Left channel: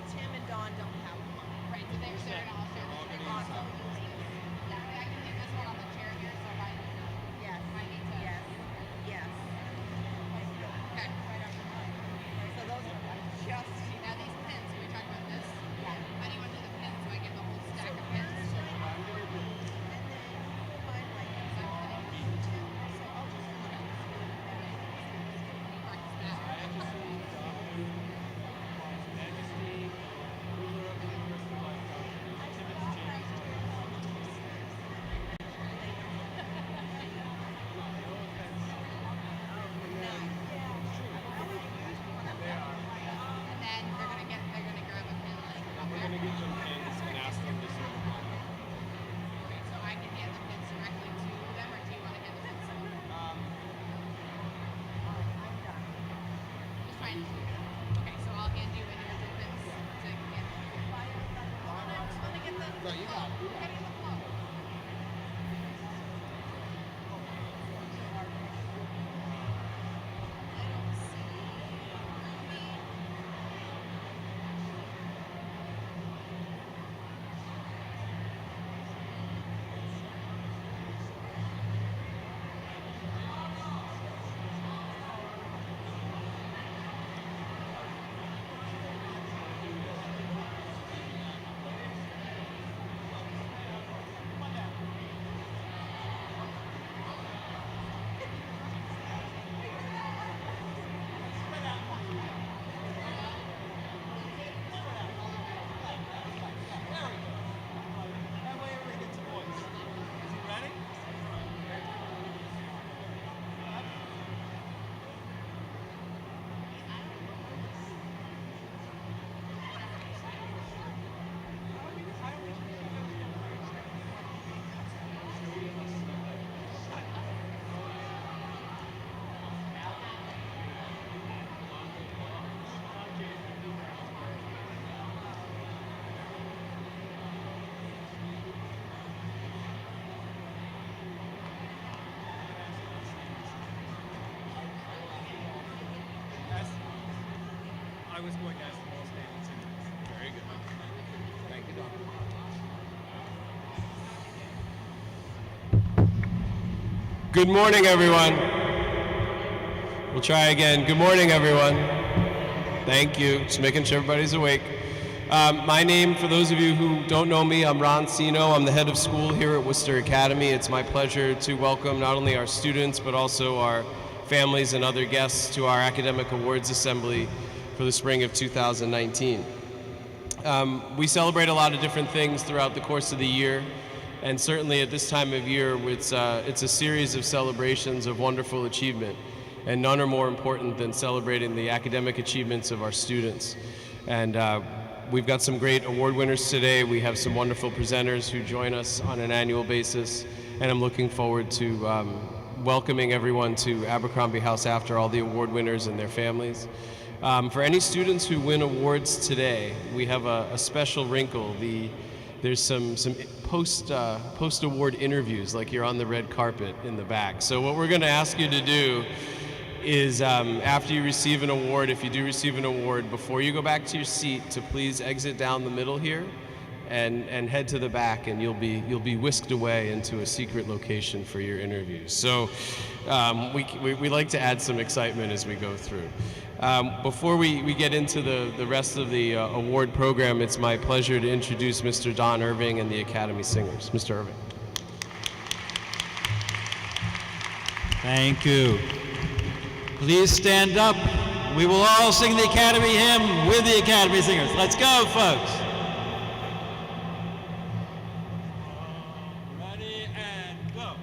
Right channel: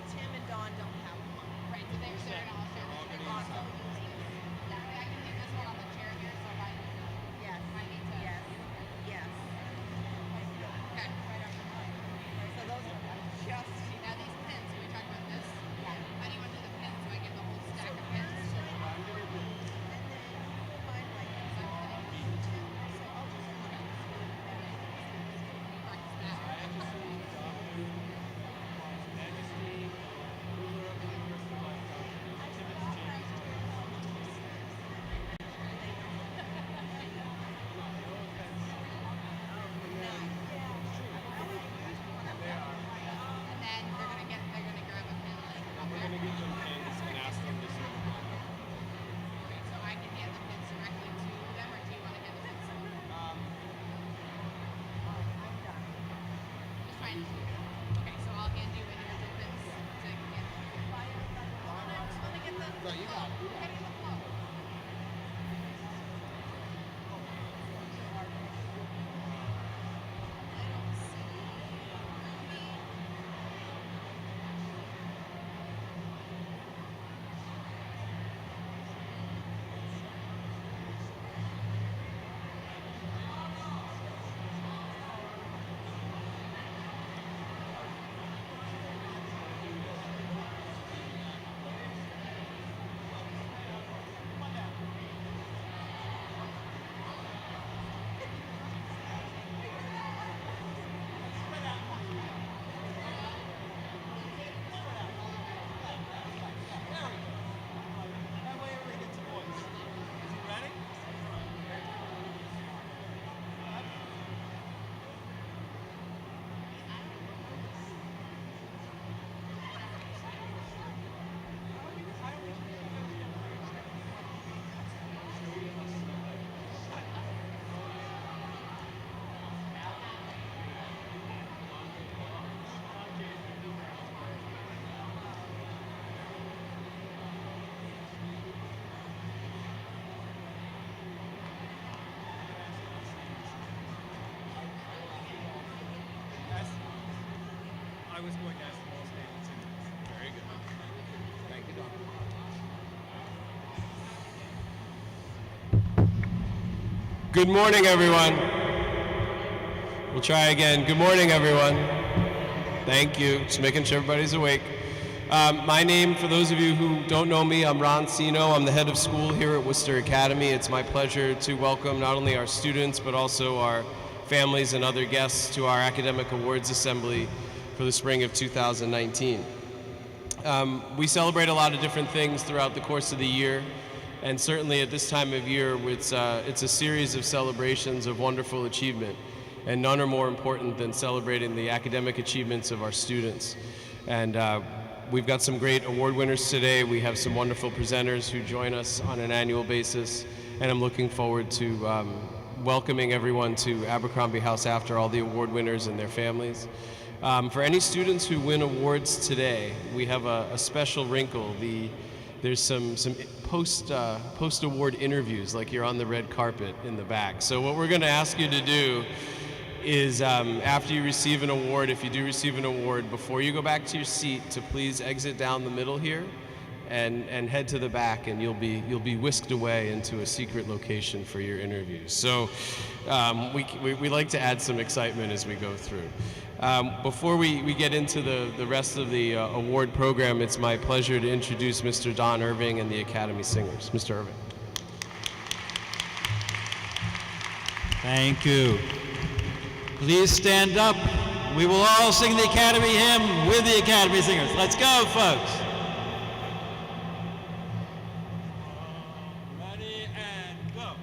Well, Tim and Dawn don't have them. Right, so they're gonna all share this big box. Yeah, I can leave this one on the chair here, so if I Yes. I need to. Yes. Yes. Okay. Right up the line. So those are just. Now these pins, we talked about this. Yeah. How do you want to do the pins? Do I give the whole stack of pins? And then hold mine like this. So I'll just. Practice that. And then they're gonna grab a pin like up We're there. going to give them pins and ask them to sort of Okay, so I can hand the pins directly to them, or do you want to hand the pins to them? Just trying to. Okay, so I'll hand you individual pins. So you can get. Want to get the. No, you got it. You got it. Get the flow. I don't see. That way everybody gets a voice. Is he ready? I was going to ask the most famous singers. Very good. Thank you, Doc. Good morning, everyone. We'll try again. Good morning, everyone. Thank you. Just making sure everybody's awake. My name, for those of you who don't know me, I'm Ron Sino. I'm the head of school here at Worcester Academy. It's my pleasure to welcome not only our students, but also our families and other guests to our Academic Awards Assembly for the spring of 2019. We celebrate a lot of different things throughout the course of the year, and certainly at this time of year, it's a series of celebrations of wonderful achievement, and none are more important than celebrating the academic achievements of our students. And we've got some great award winners today. We have some wonderful presenters who join us on an annual basis, and I'm looking forward to welcoming everyone to Abercrombie House after all the award winners and their families. For any students who win awards today, we have a special wrinkle. There's some post-award interviews, like you're on the red carpet in the back. So what we're going to ask you to do is after you receive an award, if you do receive an award, before you go back to your seat, to please exit down the middle here and head to the back, and you'll be whisked away into a secret location for your interviews. So we like to add some excitement as we go through. Before we get into the rest of the award program, it's my pleasure to introduce Mr. Don Irving and the Academy Singers. Mr. Irving. Thank you. Please stand up. We will all sing the Academy hymn with the Academy Singers. Let's go, folks. Ready and go.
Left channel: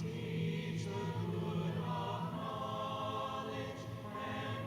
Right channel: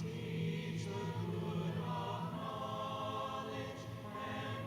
Teach the good of knowledge and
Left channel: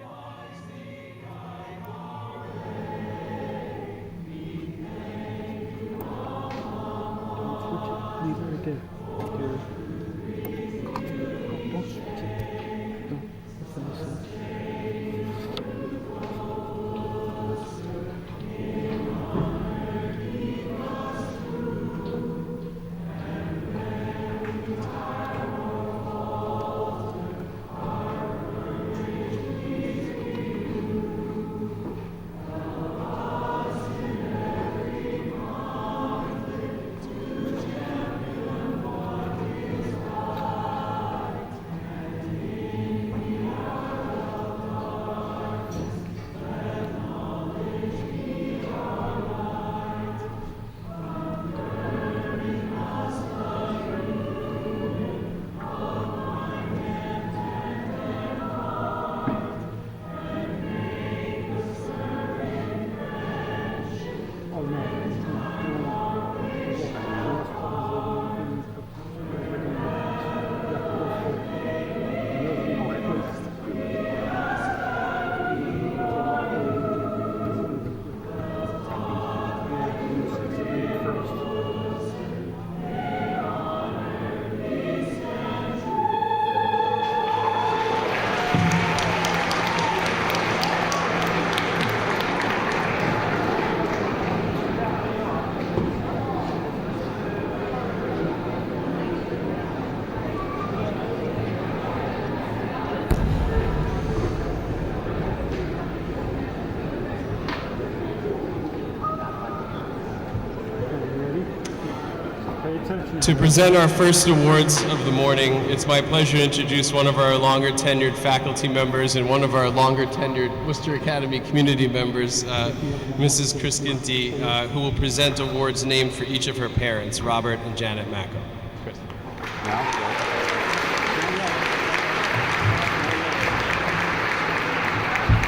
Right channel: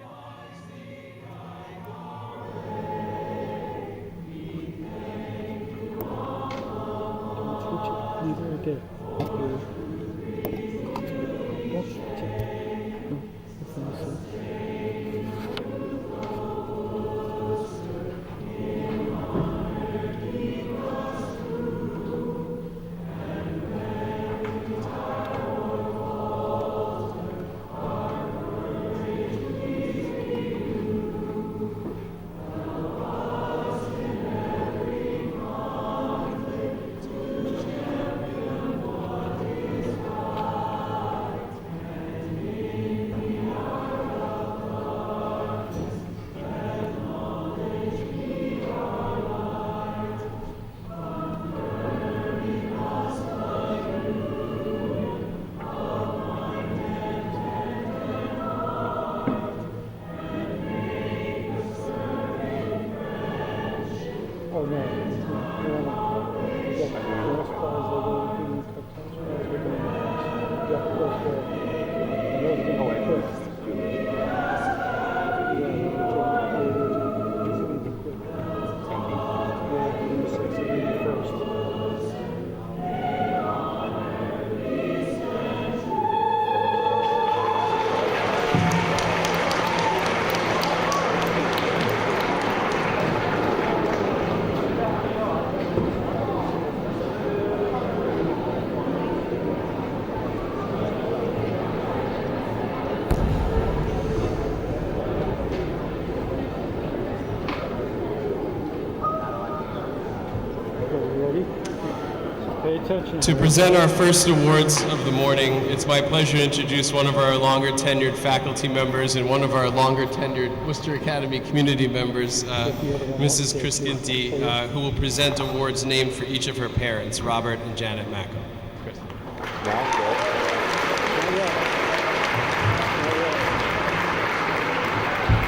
To present our first awards of the morning, it's my pleasure to introduce one of our longer tenured faculty members and one of our longer tenured Worcester Academy community members, Mrs. Chris Ginty, who will present awards named for each of her parents, Robert and Janet Macco. Chris.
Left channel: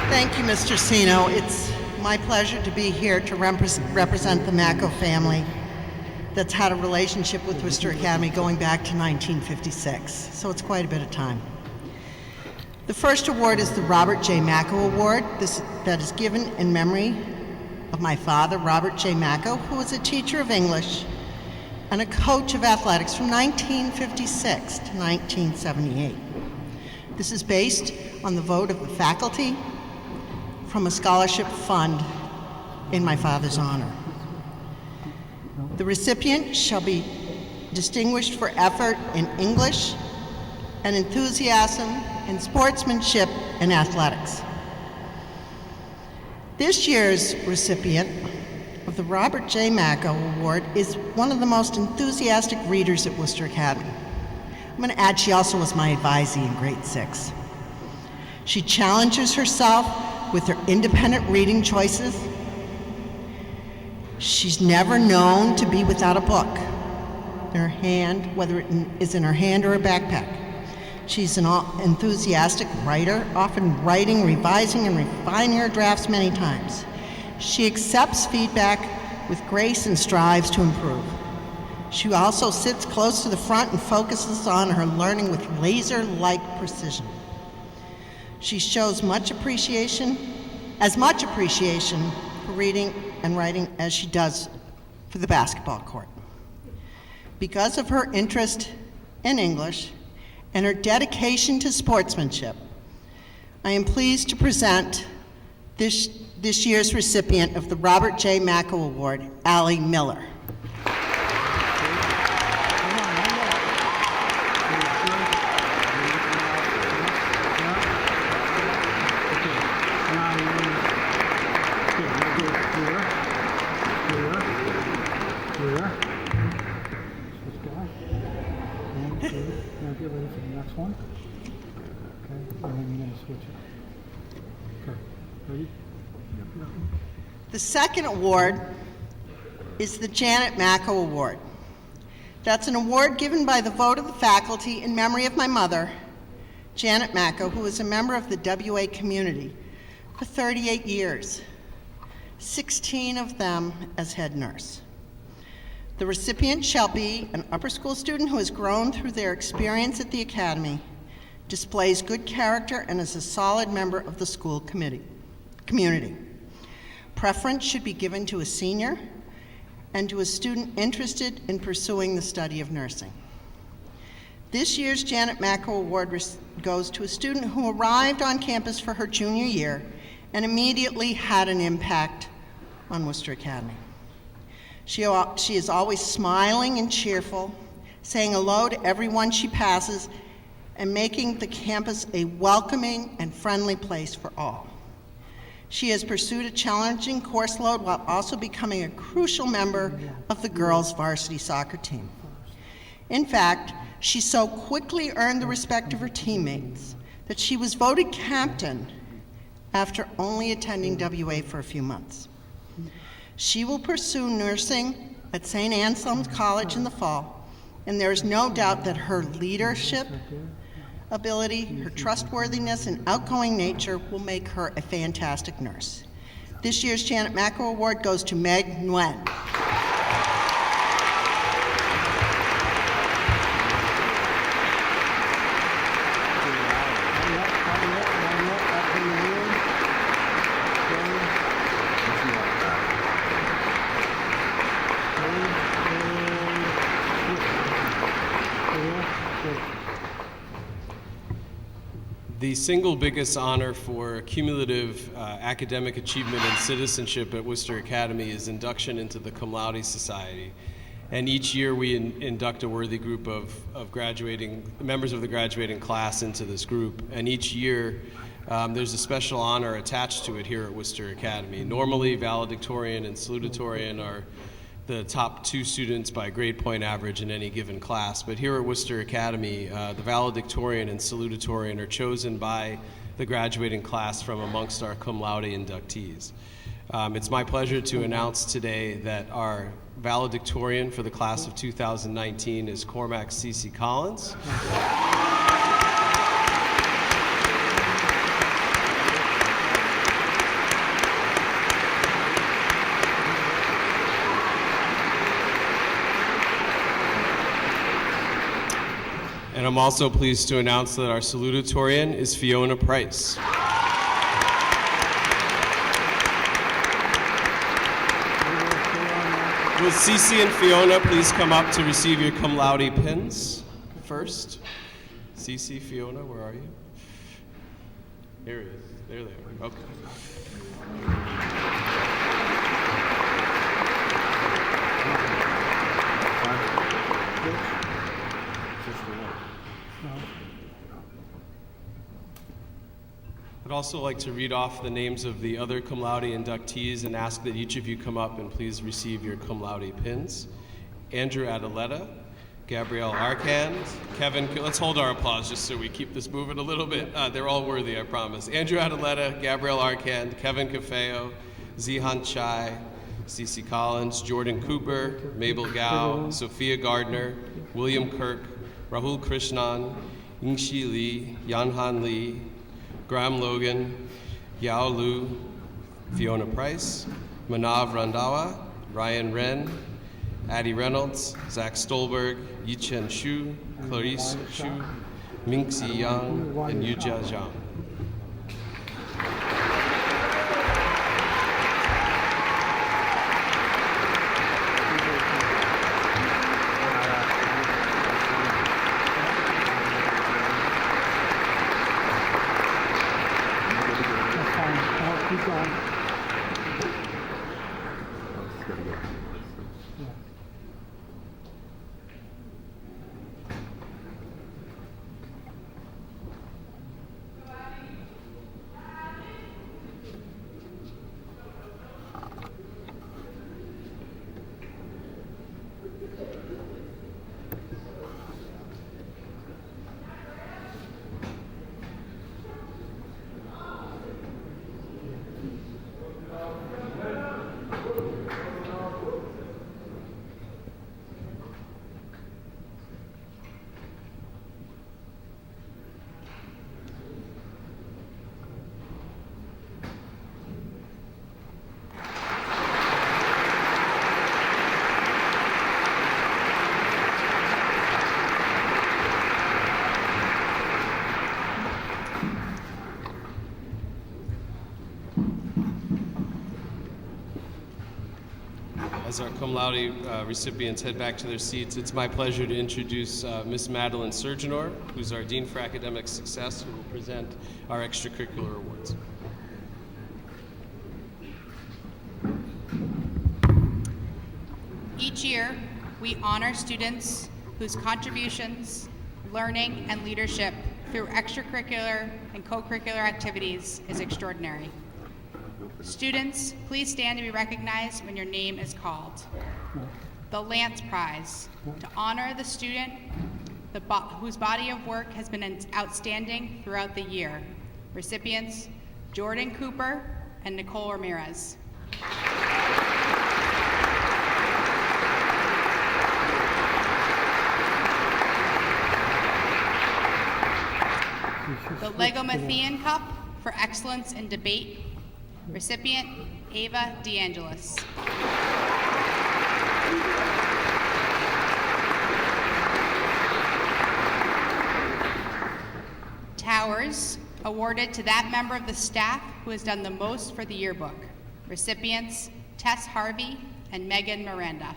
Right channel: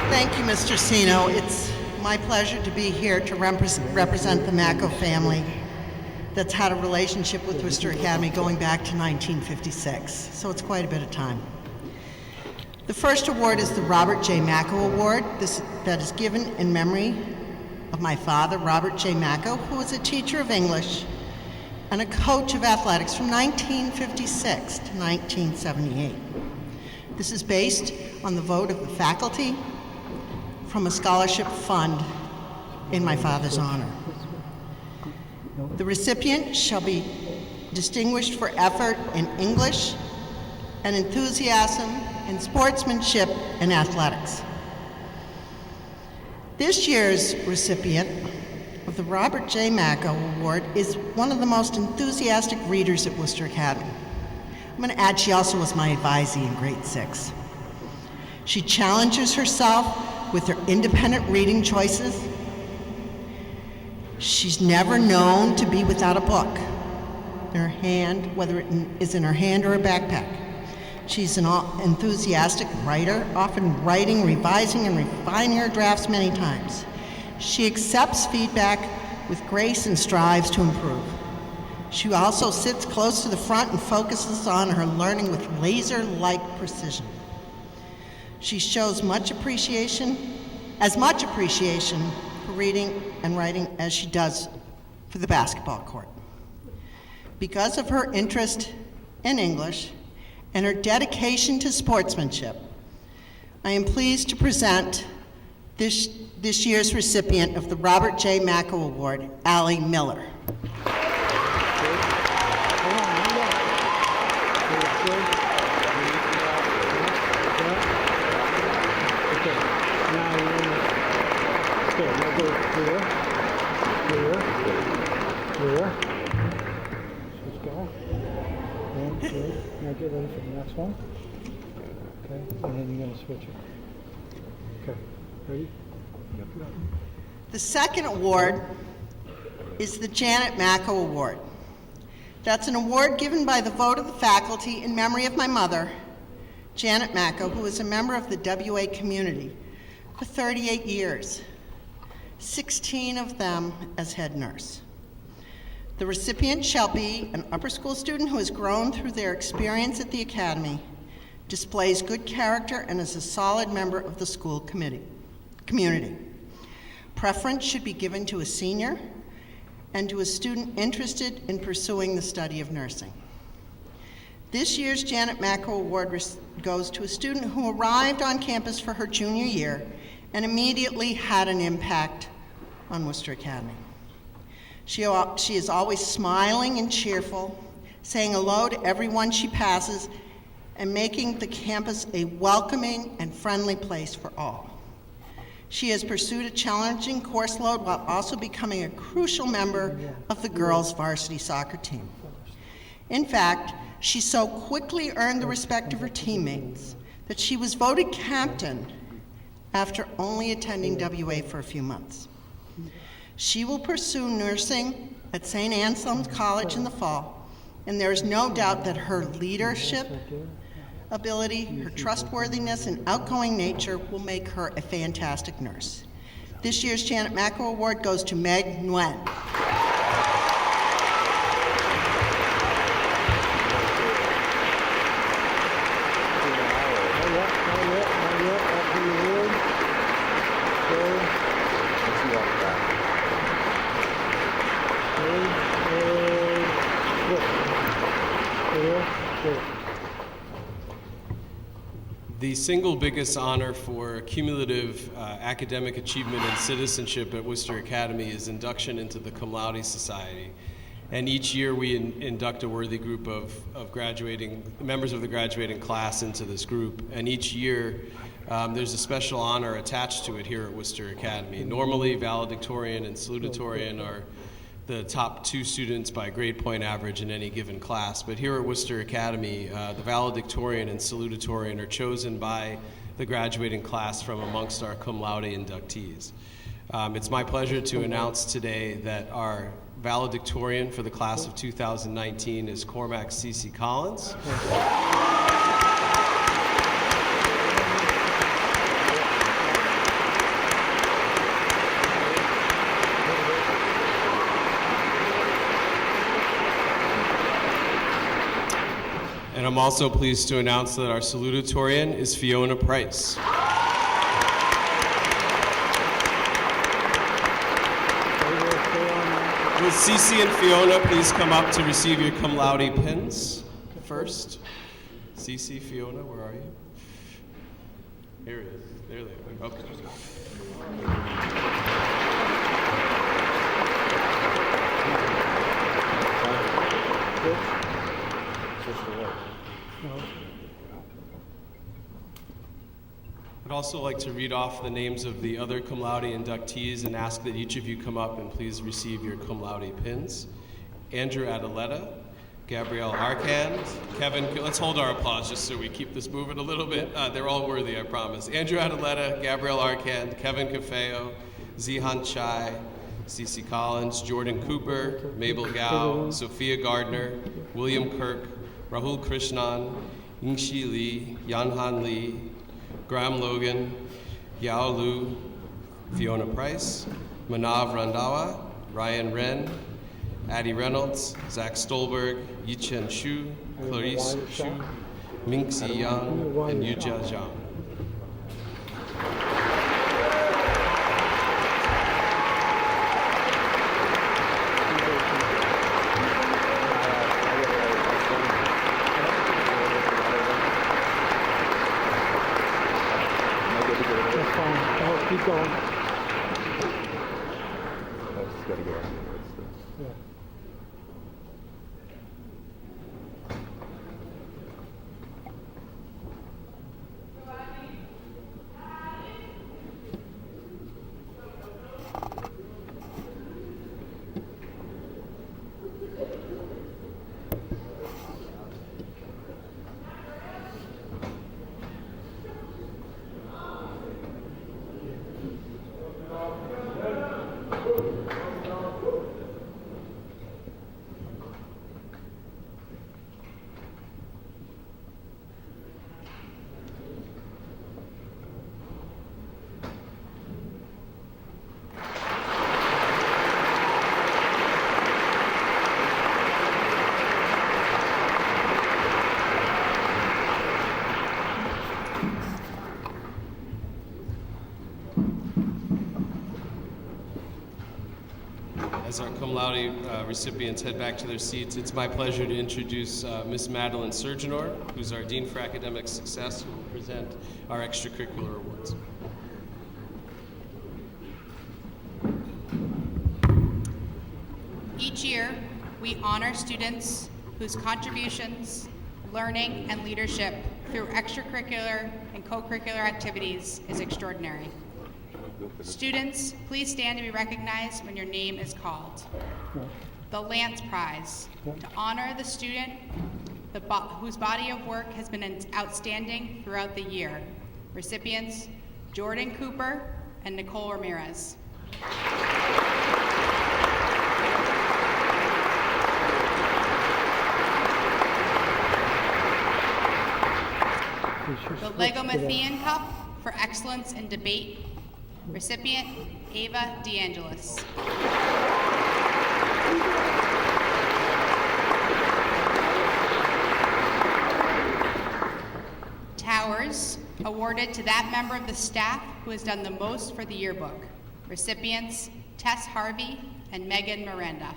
Thank you, Mr. Sino. It's my pleasure to be here to represent the Macco family that's had a relationship with Worcester Academy going back to 1956, so it's quite a bit of time. The first award is the Robert J. Macco Award. That is given in memory of my father, Robert J. Macco, who was a teacher of English and a coach of athletics from 1956 to 1978. This is based on the vote of the faculty from a scholarship fund in my father's honor. The recipient shall be distinguished for effort in English and enthusiasm in sportsmanship and athletics. This year's recipient of the Robert J. Macco Award is one of the most enthusiastic readers at Worcester Academy. I'm going to add she also was my advisee in grade 6. She challenges herself with her independent reading choices. She's never known to be without a book in her hand, whether it is in her hand or a backpack. She's an enthusiastic writer, often writing, revising, and refining her drafts many times. She accepts feedback with grace and strives to improve. She also sits close to the front and focuses on her learning with laser-like precision. She shows as much appreciation for reading and writing as she does for the basketball court. Because of her interest in English and her dedication to sportsmanship, I am pleased to present this year's recipient of the Robert J. Macco Award, Allie Miller. Get ready for the next one. Okay, and then you're going to switch it. Okay, ready? Yep. The second award is the Janet Macco Award. That's an award given by the vote of the faculty in memory of my mother, Janet Macco, who was a member of the WA community for 38 years, 16 of them as head nurse. The recipient shall be an upper school student who has grown through their experience at the academy, displays good character, and is a solid member of the school community. Preference should be given to a senior and to a student interested in pursuing the study of nursing. This year's Janet Macco Award goes to a student who arrived on campus for her junior year and immediately had an impact on Worcester Academy. She is always smiling and cheerful, saying hello to everyone she passes, and making the campus a welcoming and friendly place for all. She has pursued a challenging course load while also becoming a crucial member of the girls' varsity soccer team. In fact, she so quickly earned the respect of her teammates that she was voted captain after only attending WA for a few months. She will pursue nursing at St. Anselm's College in the fall, and there is no doubt that her leadership ability, her trustworthiness, and outgoing nature will make her a fantastic nurse. This year's Janet Macco Award goes to Meg Nguyen. The single biggest honor for cumulative academic achievement and citizenship at Worcester Academy is induction into the Cum Laude Society. And each year we induct a worthy group of members of the graduating class into this group. And each year there's a special honor attached to it here at Worcester Academy. Normally valedictorian and salutatorian are the top 2 students by grade point average in any given class. But here at Worcester Academy, the valedictorian and salutatorian are chosen by the graduating class from amongst our cum laude inductees. It's my pleasure to announce today that our valedictorian for the class of 2019 is Cormac C.C. Collins. And I'm also pleased to announce that our salutatorian is Fiona Price. Will Cece and Fiona please come up to receive your cum laude pins first? Cece, Fiona, where are you? Here it is. There they are. Okay. I'd also like to read off the names of the other cum laude inductees and ask that each of you come up and please receive your cum laude pins. Andrew Adaletta, Gabrielle Arcand, Kevin, let's hold our applause just so we keep this moving a little bit. They're all worthy, I promise. Andrew Adaletta, Gabrielle Arcand, Kevin Cafeo, Zihan Chai, Cece Collins, Jordan Cooper, Mabel Gao, Sophia Gardner, William Kirk, Rahul Krishnan, Yingxi Lee, Yanhan Lee, Graham Logan, Yao Lu, Fiona Price, Manav Randawa, Ryan Wren, Addie Reynolds, Zach Stolberg, Yichen Shu, Clarice Shu, Mingxi Yang, and Yujia Zhang. Keep going. Yeah. As our cum laude recipients head back to their seats, it's my pleasure to introduce Miss Madeline Surgenor, who's our Dean for Academic Success, who will present our extracurricular awards. Each year, we honor students whose contributions, learning, and leadership through extracurricular and co-curricular activities is extraordinary. Students, please stand to be recognized when your name is called. The Lance Prize, to honor the student whose body of work has been outstanding throughout the year. Recipients, Jordan Cooper and Nicole Ramirez. The Lego Mathean Cup for excellence in debate. Recipient, Ava DeAngelis. Towers, awarded to that member of the staff who has done the most for the yearbook. Recipients, Tess Harvey and Megan Miranda.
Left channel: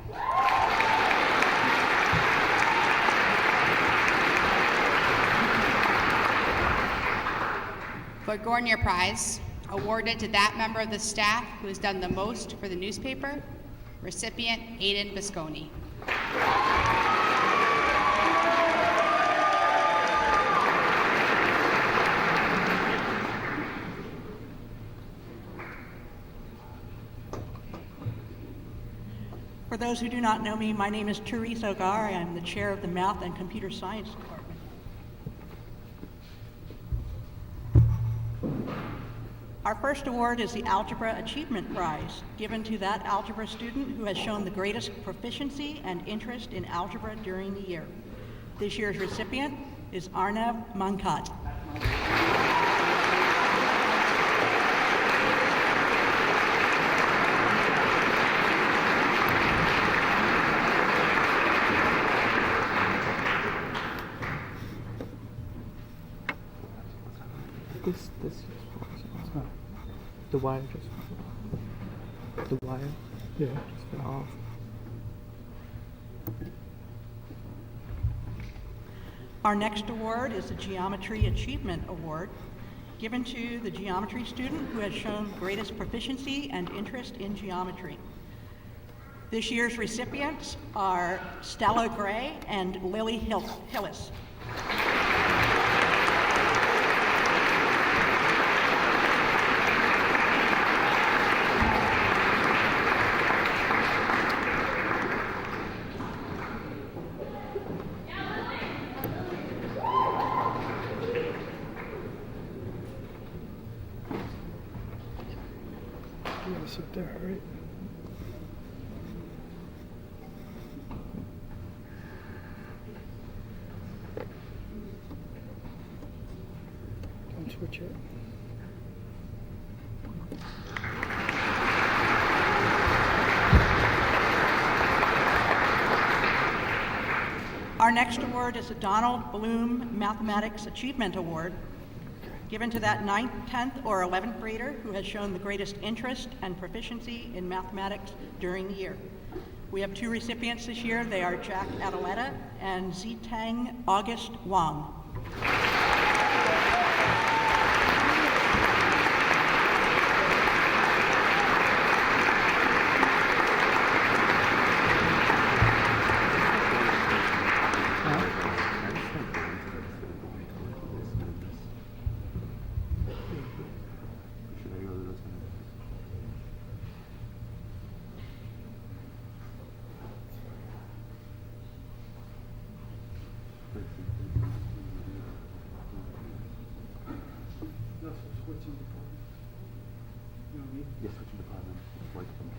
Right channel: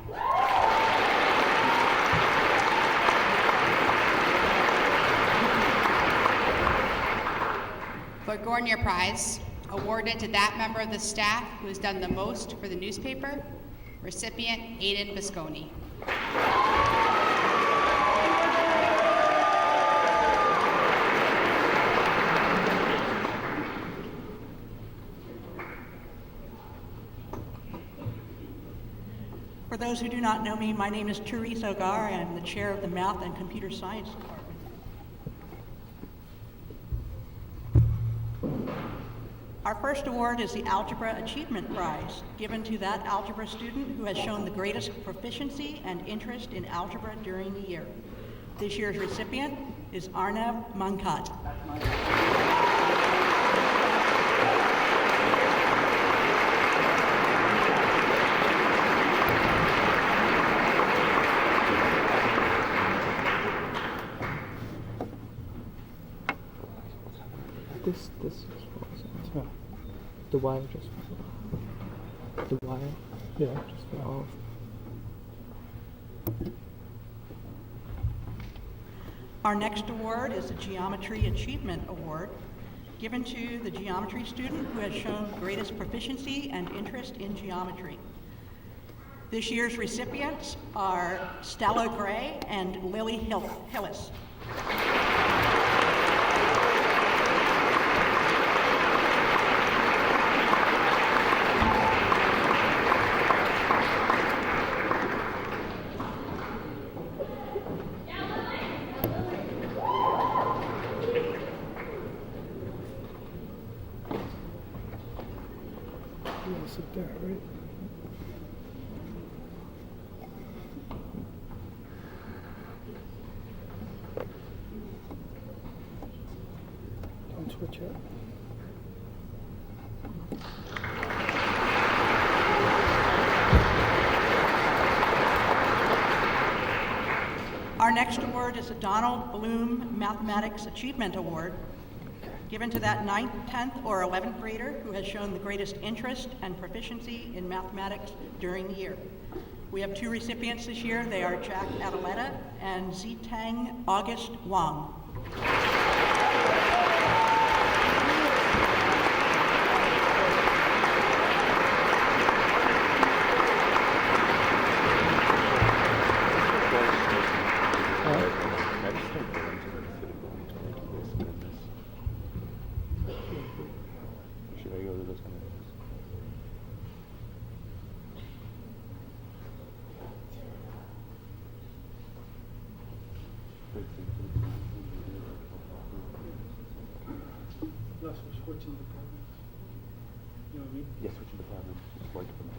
Burgoyne Prize, awarded to that member of the staff who has done the most for the newspaper. Recipient, Aiden Visconti. For those who do not know me, my name is Therese Ogar. I am the chair of the Math and Computer Science Department. Our first award is the Algebra Achievement Prize, given to that algebra student who has shown the greatest proficiency and interest in algebra during the year. This year's recipient is Arnav Mankat. This is false. The wire just. The wire. Yeah. Just fell off. Our next award is the Geometry Achievement Award, given to the geometry student who has shown greatest proficiency and interest in geometry. This year's recipients are Stella Gray and Lily Hillis. Yeah, sit there, right? Don't switch it. Our next award is the Donald Bloom Mathematics Achievement Award, given to that 9th, 10th, or 11th grader who has shown the greatest interest and proficiency in mathematics during the year. We have 2 recipients this year. They are Jack Adeletta and Zitang August Wang. Yes, switching departments. Works for me.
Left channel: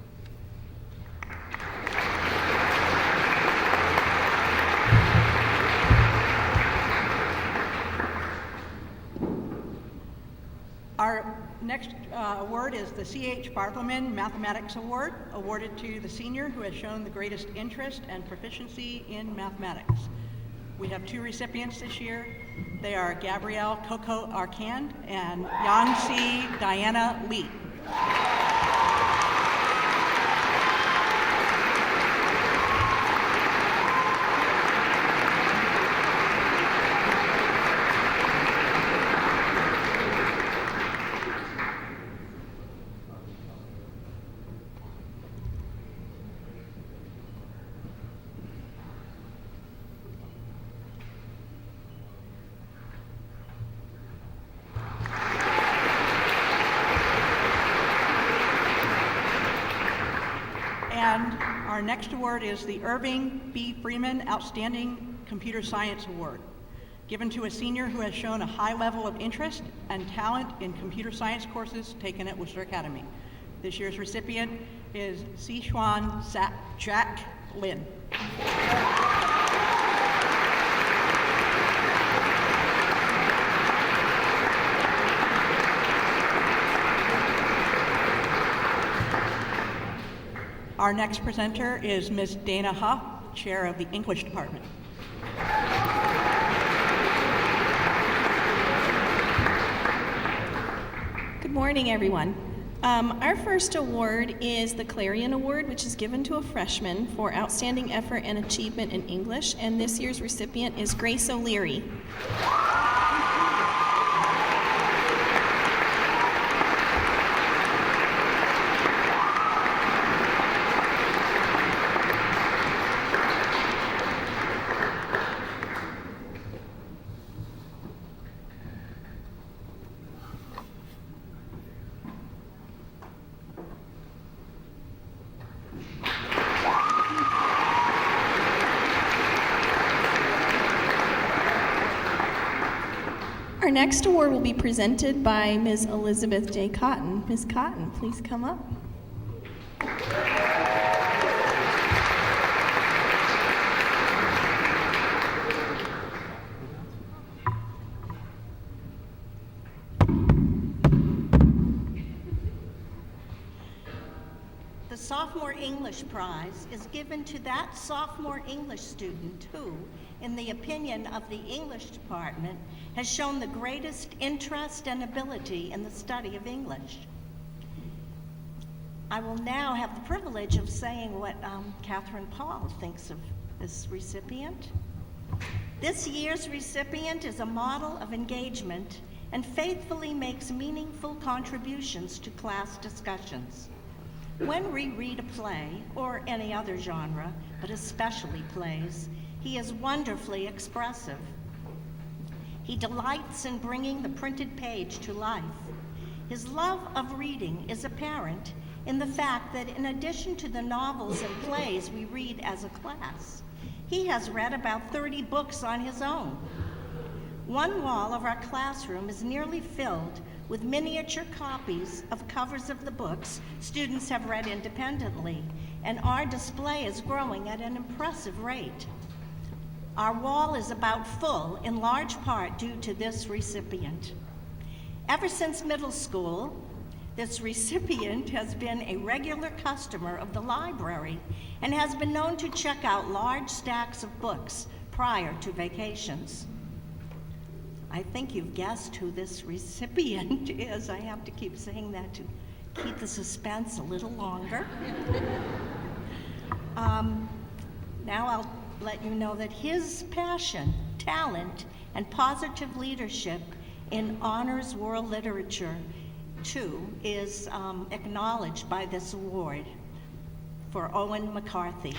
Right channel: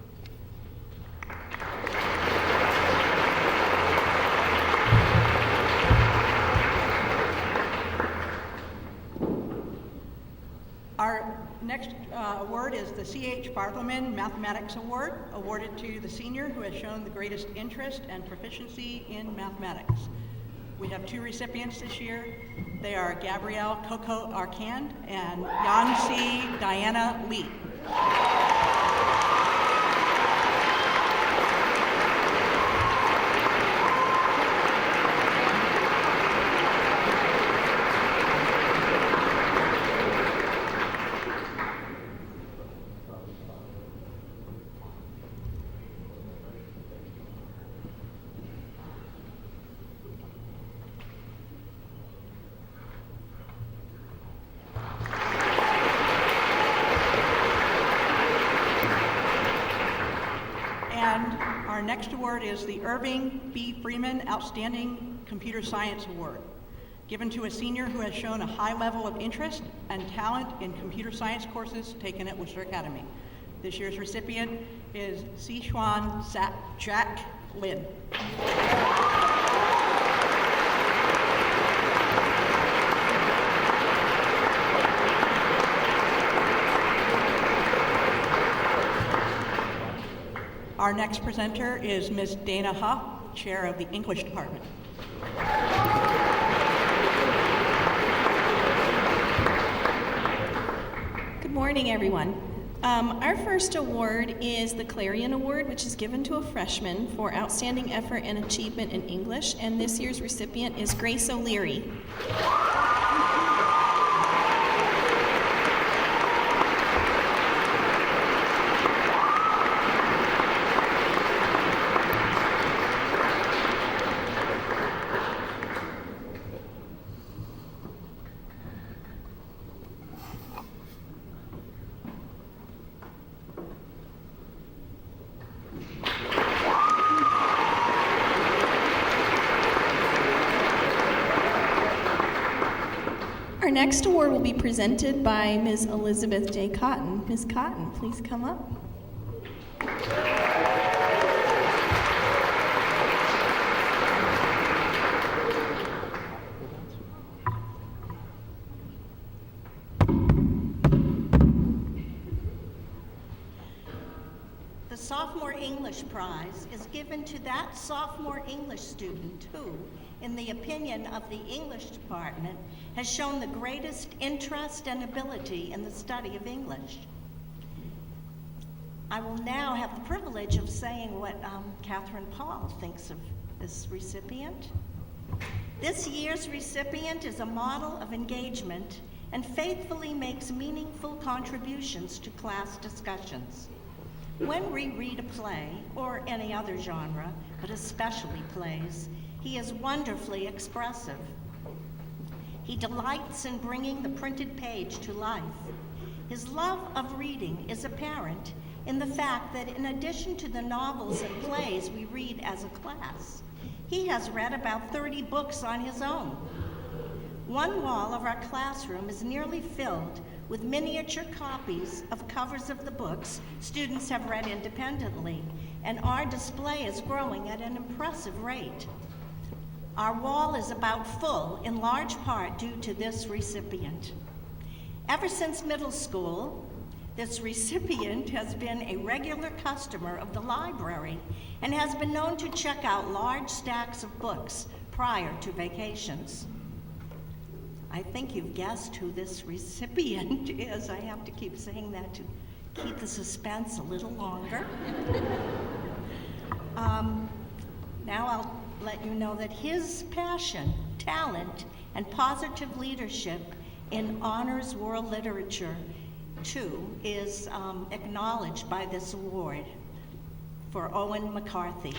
Our next award is the C.H. Barthelman Mathematics Award, awarded to the senior who has shown the greatest interest and proficiency in mathematics. We have 2 recipients this year. They are Gabrielle Coco Arcand and Yangxi Diana Lee. And our next award is the Irving B. Freeman Outstanding Computer Science Award, given to a senior who has shown a high level of interest and talent in computer science courses taken at Worcester Academy. This year's recipient is Sichuan Jack Lin. Our next presenter is Ms. Dana Huff, Chair of the English Department. Good morning, everyone. Our first award is the Clarion Award, which is given to a freshman for outstanding effort and achievement in English, and this year's recipient is Grace O'Leary. Our next award will be presented by Ms. Elizabeth J. Cotton. Ms. Cotton, please come up. The Sophomore English Prize is given to that sophomore English student who, in the opinion of the English department, has shown the greatest interest and ability in the study of English. I will now have the privilege of saying what Catherine Paul thinks of this recipient. This year's recipient is a model of engagement and faithfully makes meaningful contributions to class discussions. When we read a play, or any other genre, but especially plays, he is wonderfully expressive. He delights in bringing the printed page to life. His love of reading is apparent in the fact that in addition to the novels and plays we read as a class, he has read about 30 books on his own. One wall of our classroom is nearly filled with miniature copies of covers of the books students have read independently, and our display is growing at an impressive rate. Our wall is about full, in large part due to this recipient. Ever since middle school, this recipient has been a regular customer of the library and has been known to check out large stacks of books prior to vacations. I think you've guessed who this recipient is. I have to keep saying that to keep the suspense a little longer. Now I'll let you know that his passion, talent, and positive leadership in honors world literature, too, is acknowledged by this award for Owen McCarthy.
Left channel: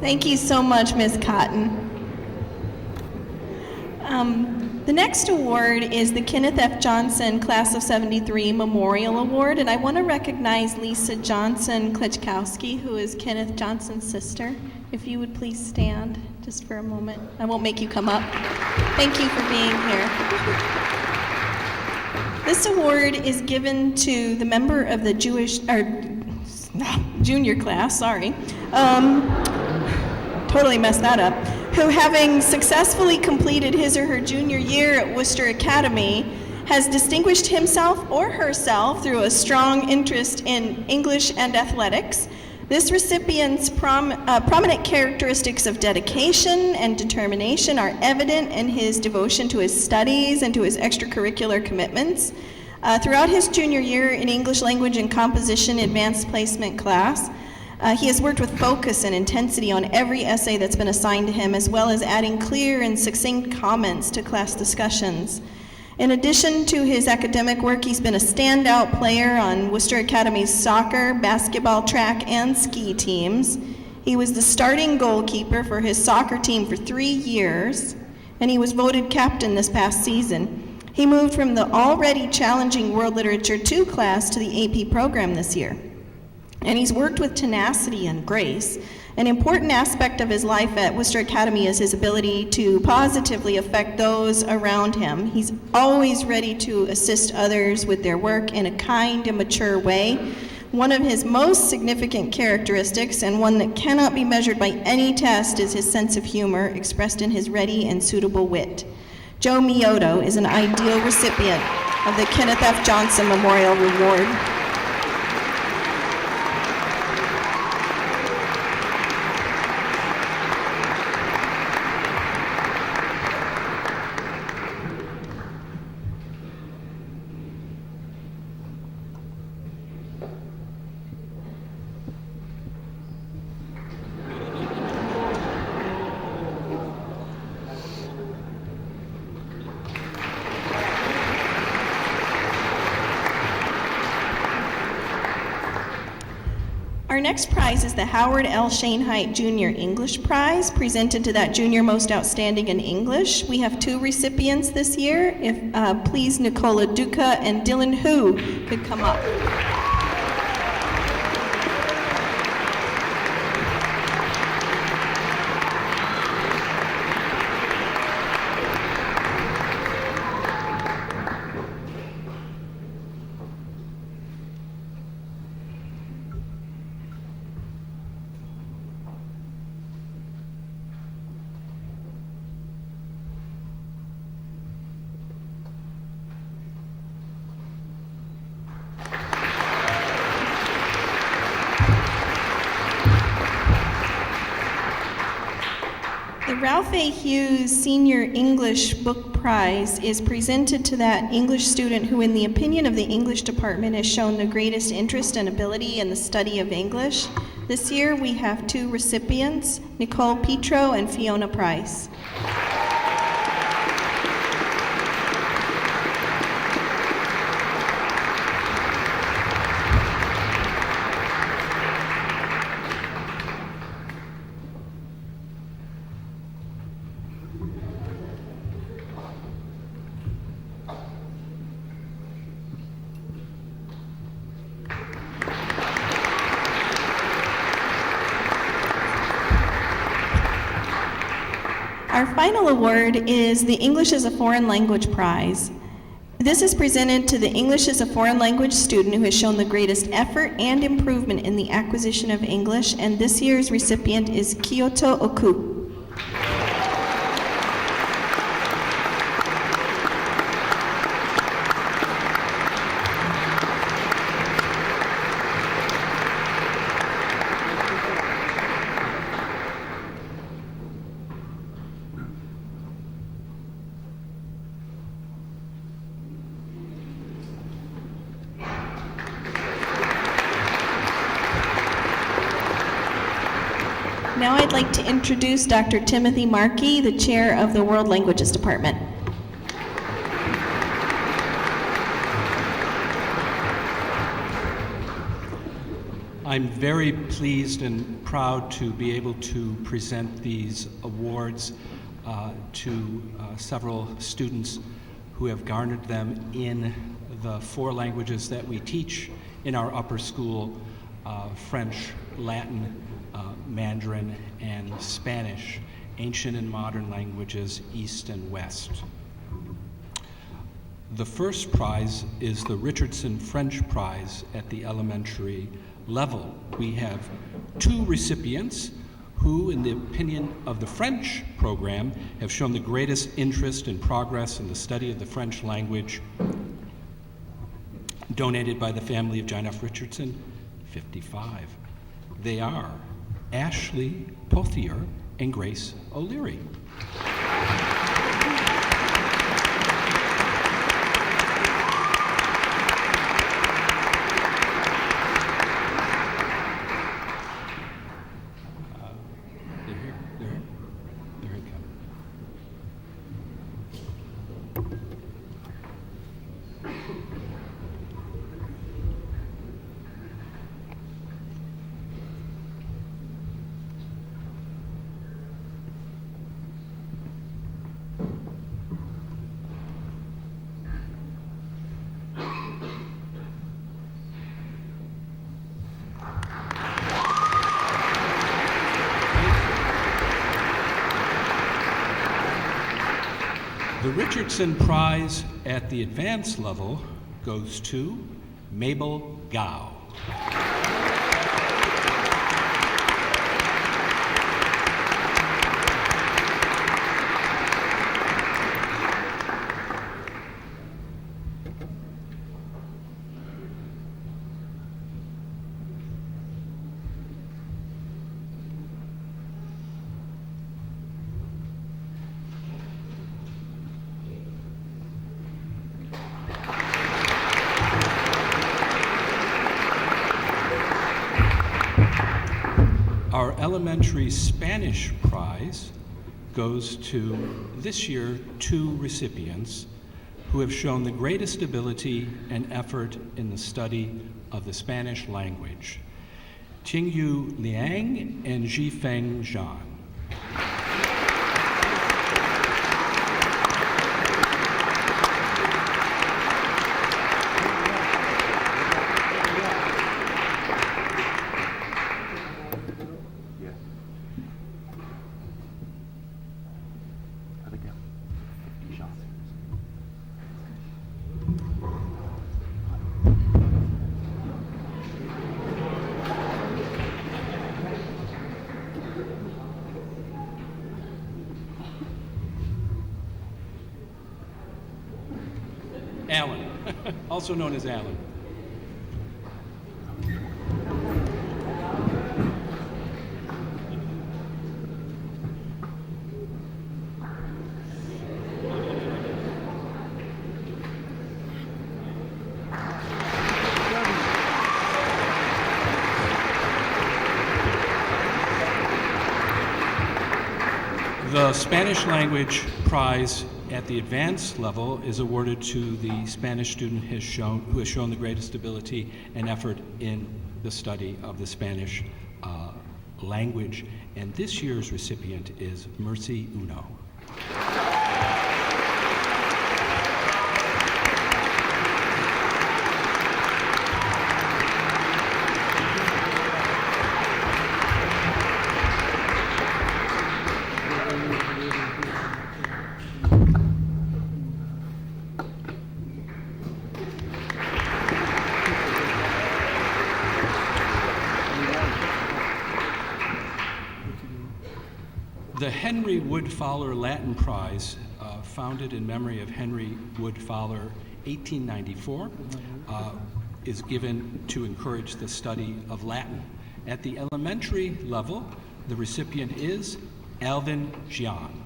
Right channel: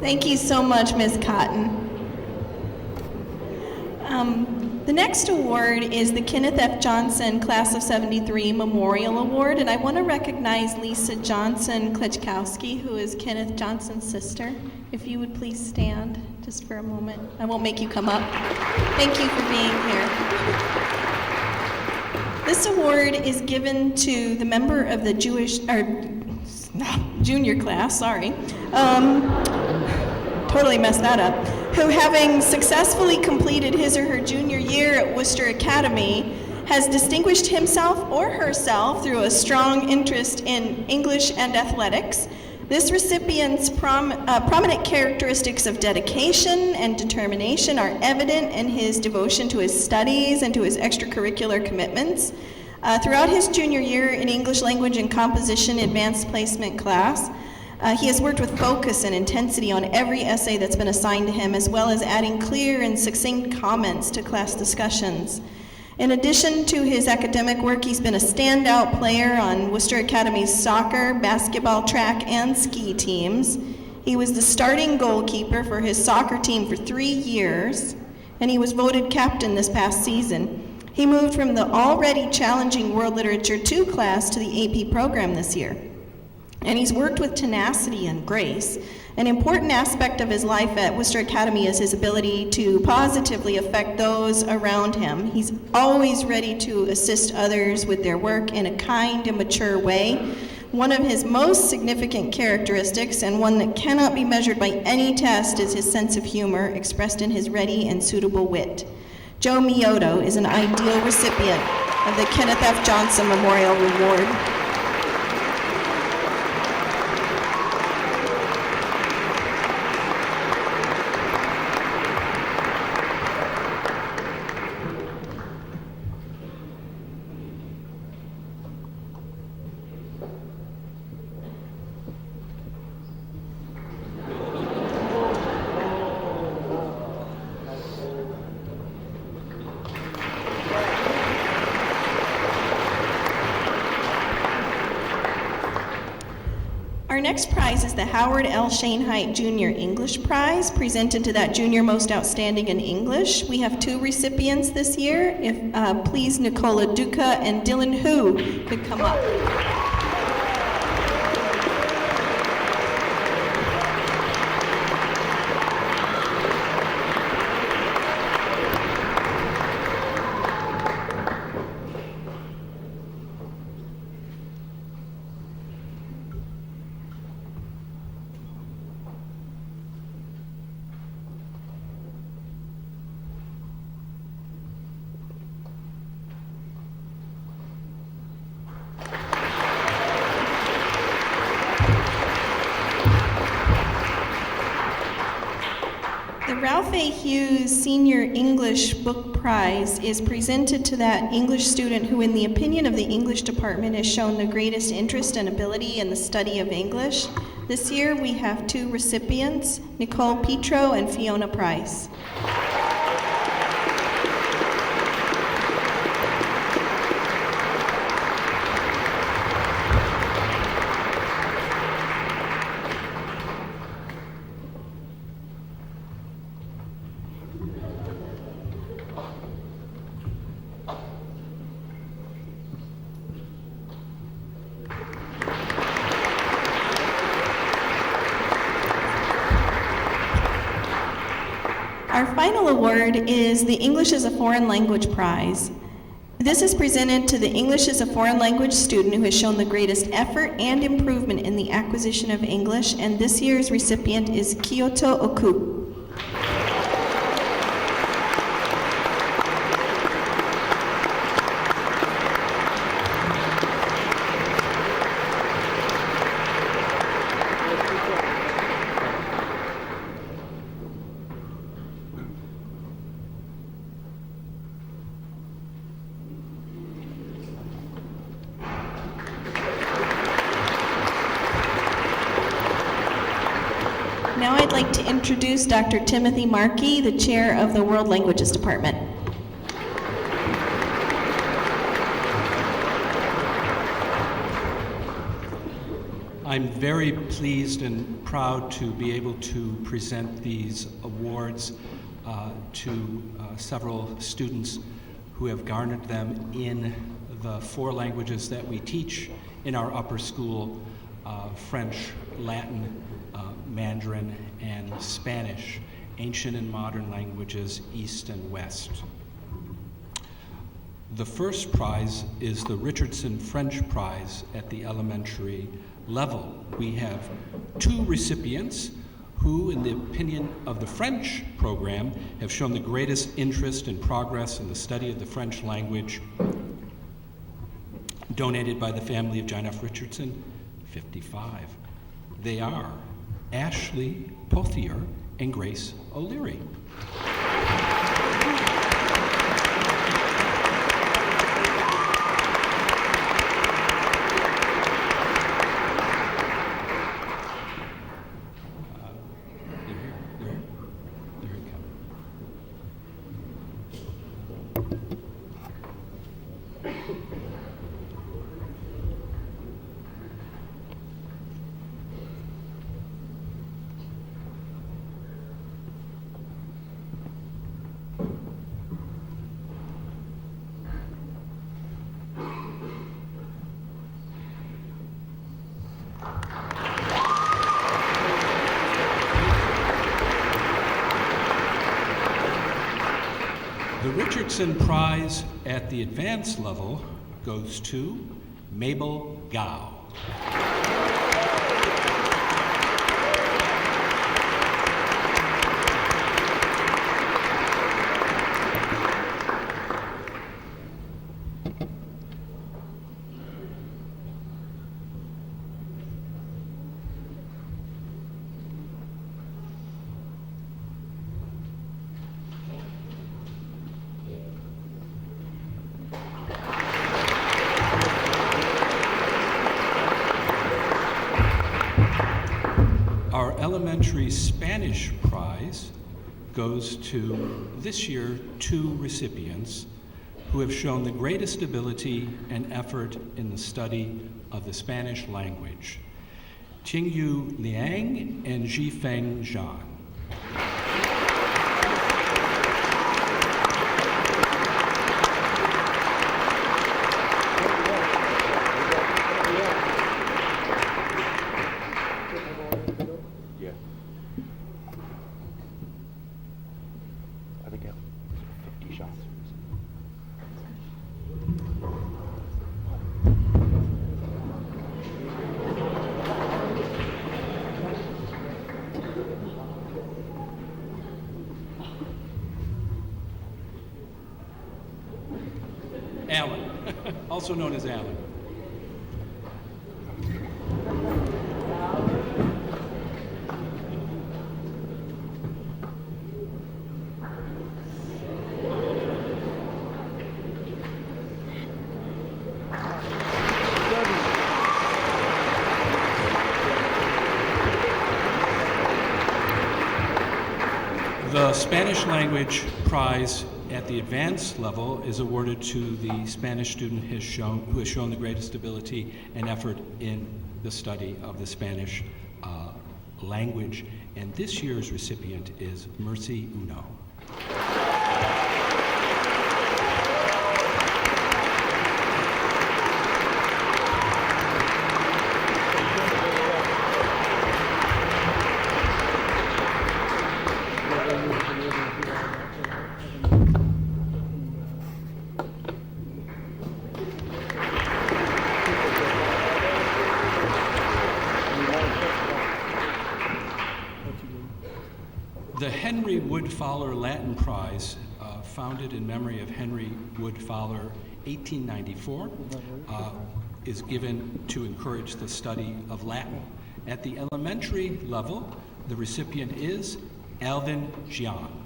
Thank you so much, Ms. Cotton. The next award is the Kenneth F. Johnson Class of 73 Memorial Award, and I want to recognize Lisa Johnson Klitschkowski, who is Kenneth Johnson's sister. If you would please stand just for a moment. I won't make you come up. Thank you for being here. This award is given to the member of the junior class, totally messed that up, who, having successfully completed his or her junior year at Worcester Academy, has distinguished himself or herself through a strong interest in English and athletics. This recipient's prominent characteristics of dedication and determination are evident in his devotion to his studies and to his extracurricular commitments. Throughout his junior year in English Language and Composition Advanced Placement class, he has worked with focus and intensity on every essay that's been assigned to him, as well as adding clear and succinct comments to class discussions. In addition to his academic work, he's been a standout player on Worcester Academy's soccer, basketball, track, and ski teams. He was the starting goalkeeper for his soccer team for 3 years, and he was voted captain this past season. He moved from the already challenging World Literature 2 class to the AP program this year. And he's worked with tenacity and grace. An important aspect of his life at Worcester Academy is his ability to positively affect those around him. He's always ready to assist others with their work in a kind and mature way. One of his most significant characteristics, and one that cannot be measured by any test, is his sense of humor, expressed in his ready and suitable wit. Joe Mioto is an ideal recipient of the Kenneth F. Johnson Memorial Award. Our next prize is the Howard L. Shainheit Junior English Prize, presented to that junior most outstanding in English. We have 2 recipients this year. If please, Nicola Duca and Dylan Hu could come up. The Ralph A. Hughes Senior English Book Prize is presented to that English student who, in the opinion of the English department, has shown the greatest interest and ability in the study of English. This year we have 2 recipients, Nicole Petro and Fiona Price. Our final award is the English as a Foreign Language Prize. This is presented to the English as a Foreign Language student who has shown the greatest effort and improvement in the acquisition of English, and this year's recipient is Kyoto Oku. Now I'd like to introduce Dr. Timothy Markey, the chair of the World Languages Department. I'm very pleased and proud to be able to present these awards to several students who have garnered them in the 4 languages that we teach in our upper school, French, Latin, Mandarin, and Spanish, ancient and modern languages, East and West. The first prize is the Richardson French Prize at the elementary level. We have 2 recipients who, in the opinion of the French program, have shown the greatest interest and progress in the study of the French language, donated by the family of John F. Richardson, 55. They are Ashley Pothier and Grace O'Leary. They're here, Kevin. The Richardson Prize at the advanced level goes to Mabel Gao. Our elementary Spanish prize goes to, this year, 2 recipients who have shown the greatest ability and effort in the study of the Spanish language. Qingyu Liang and Zhifeng Zhan. Yes. I think 50 shots. Alan, also known as Alan. The Spanish language prize at the advanced level is awarded to the Spanish student who has shown the greatest ability and effort in the study of the Spanish language. And this year's recipient is Mercy Uno. The Henry Wood Fowler Latin Prize, founded in memory of Henry Wood Fowler, 1894, is given to encourage the study of Latin. At the elementary level, the recipient is Alvin Gian.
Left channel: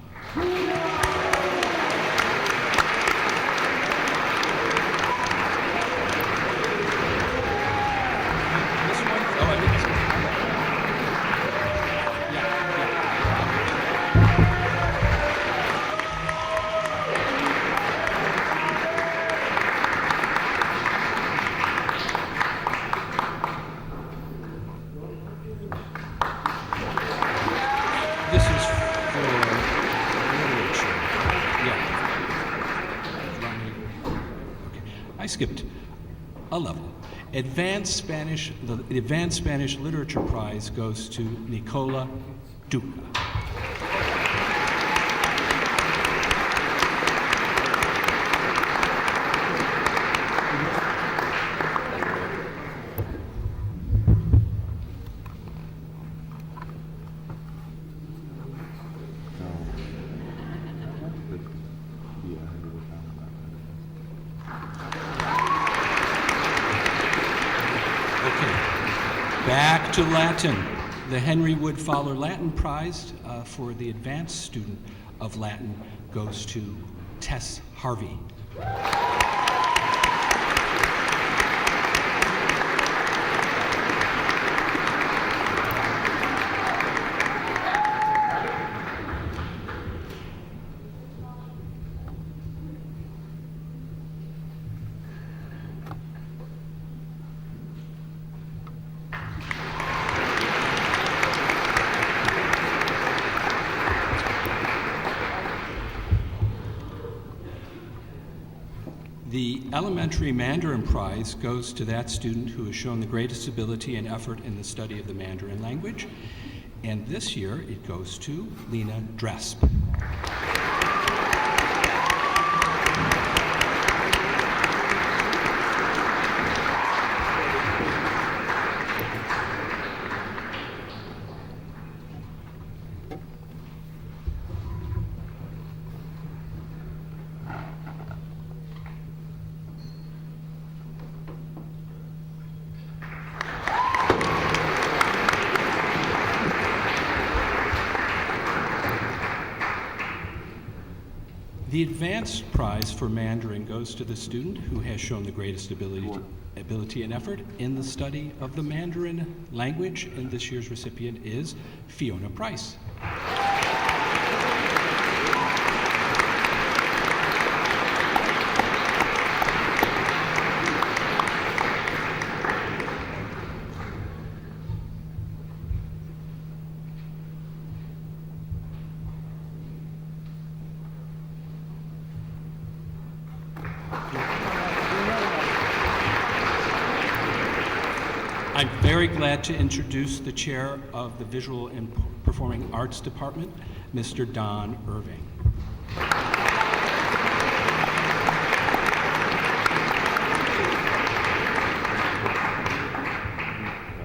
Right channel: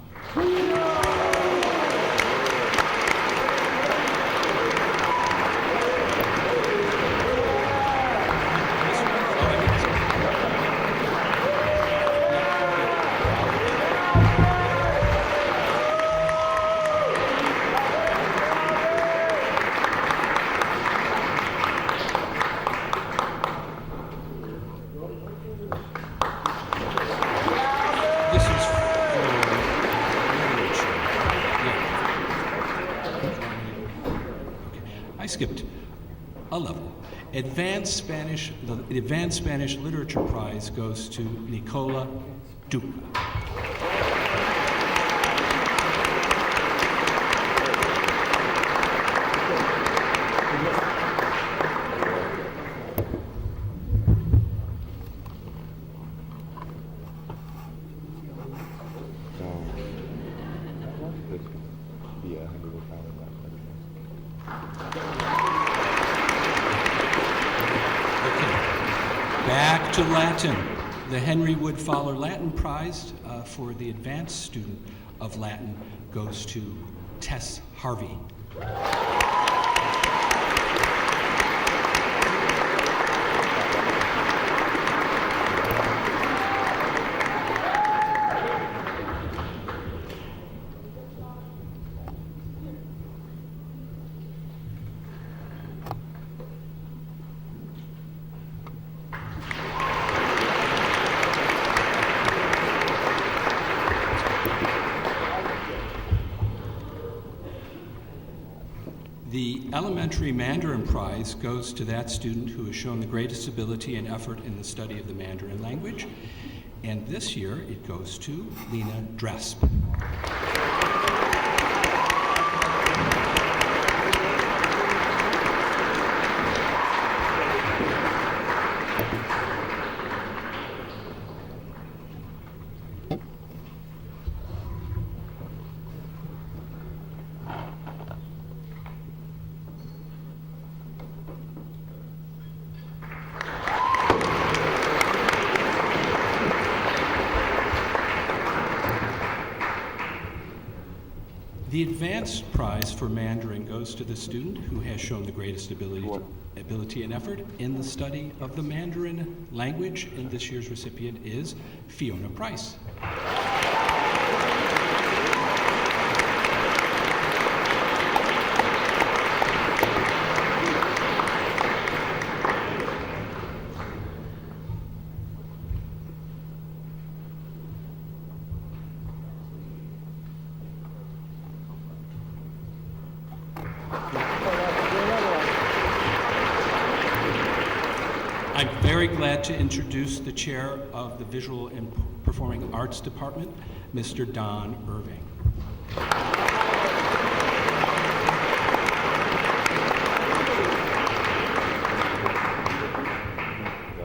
This is for literature. Yeah. Okay. I skipped a level. The Advanced Spanish Literature Prize goes to Nicola Duca. Back to Latin. The Henry Wood Fowler Latin Prize for the advanced student of Latin goes to Tess Harvey. The Elementary Mandarin Prize goes to that student who has shown the greatest ability and effort in the study of the Mandarin language. And this year it goes to Lena Dresp. The advanced prize for Mandarin goes to the student who has shown the greatest ability and effort in the study of the Mandarin language, and this year's recipient is Fiona Price. I'm very glad to introduce the chair of the Visual and Performing Arts Department, Mr. Don Irving.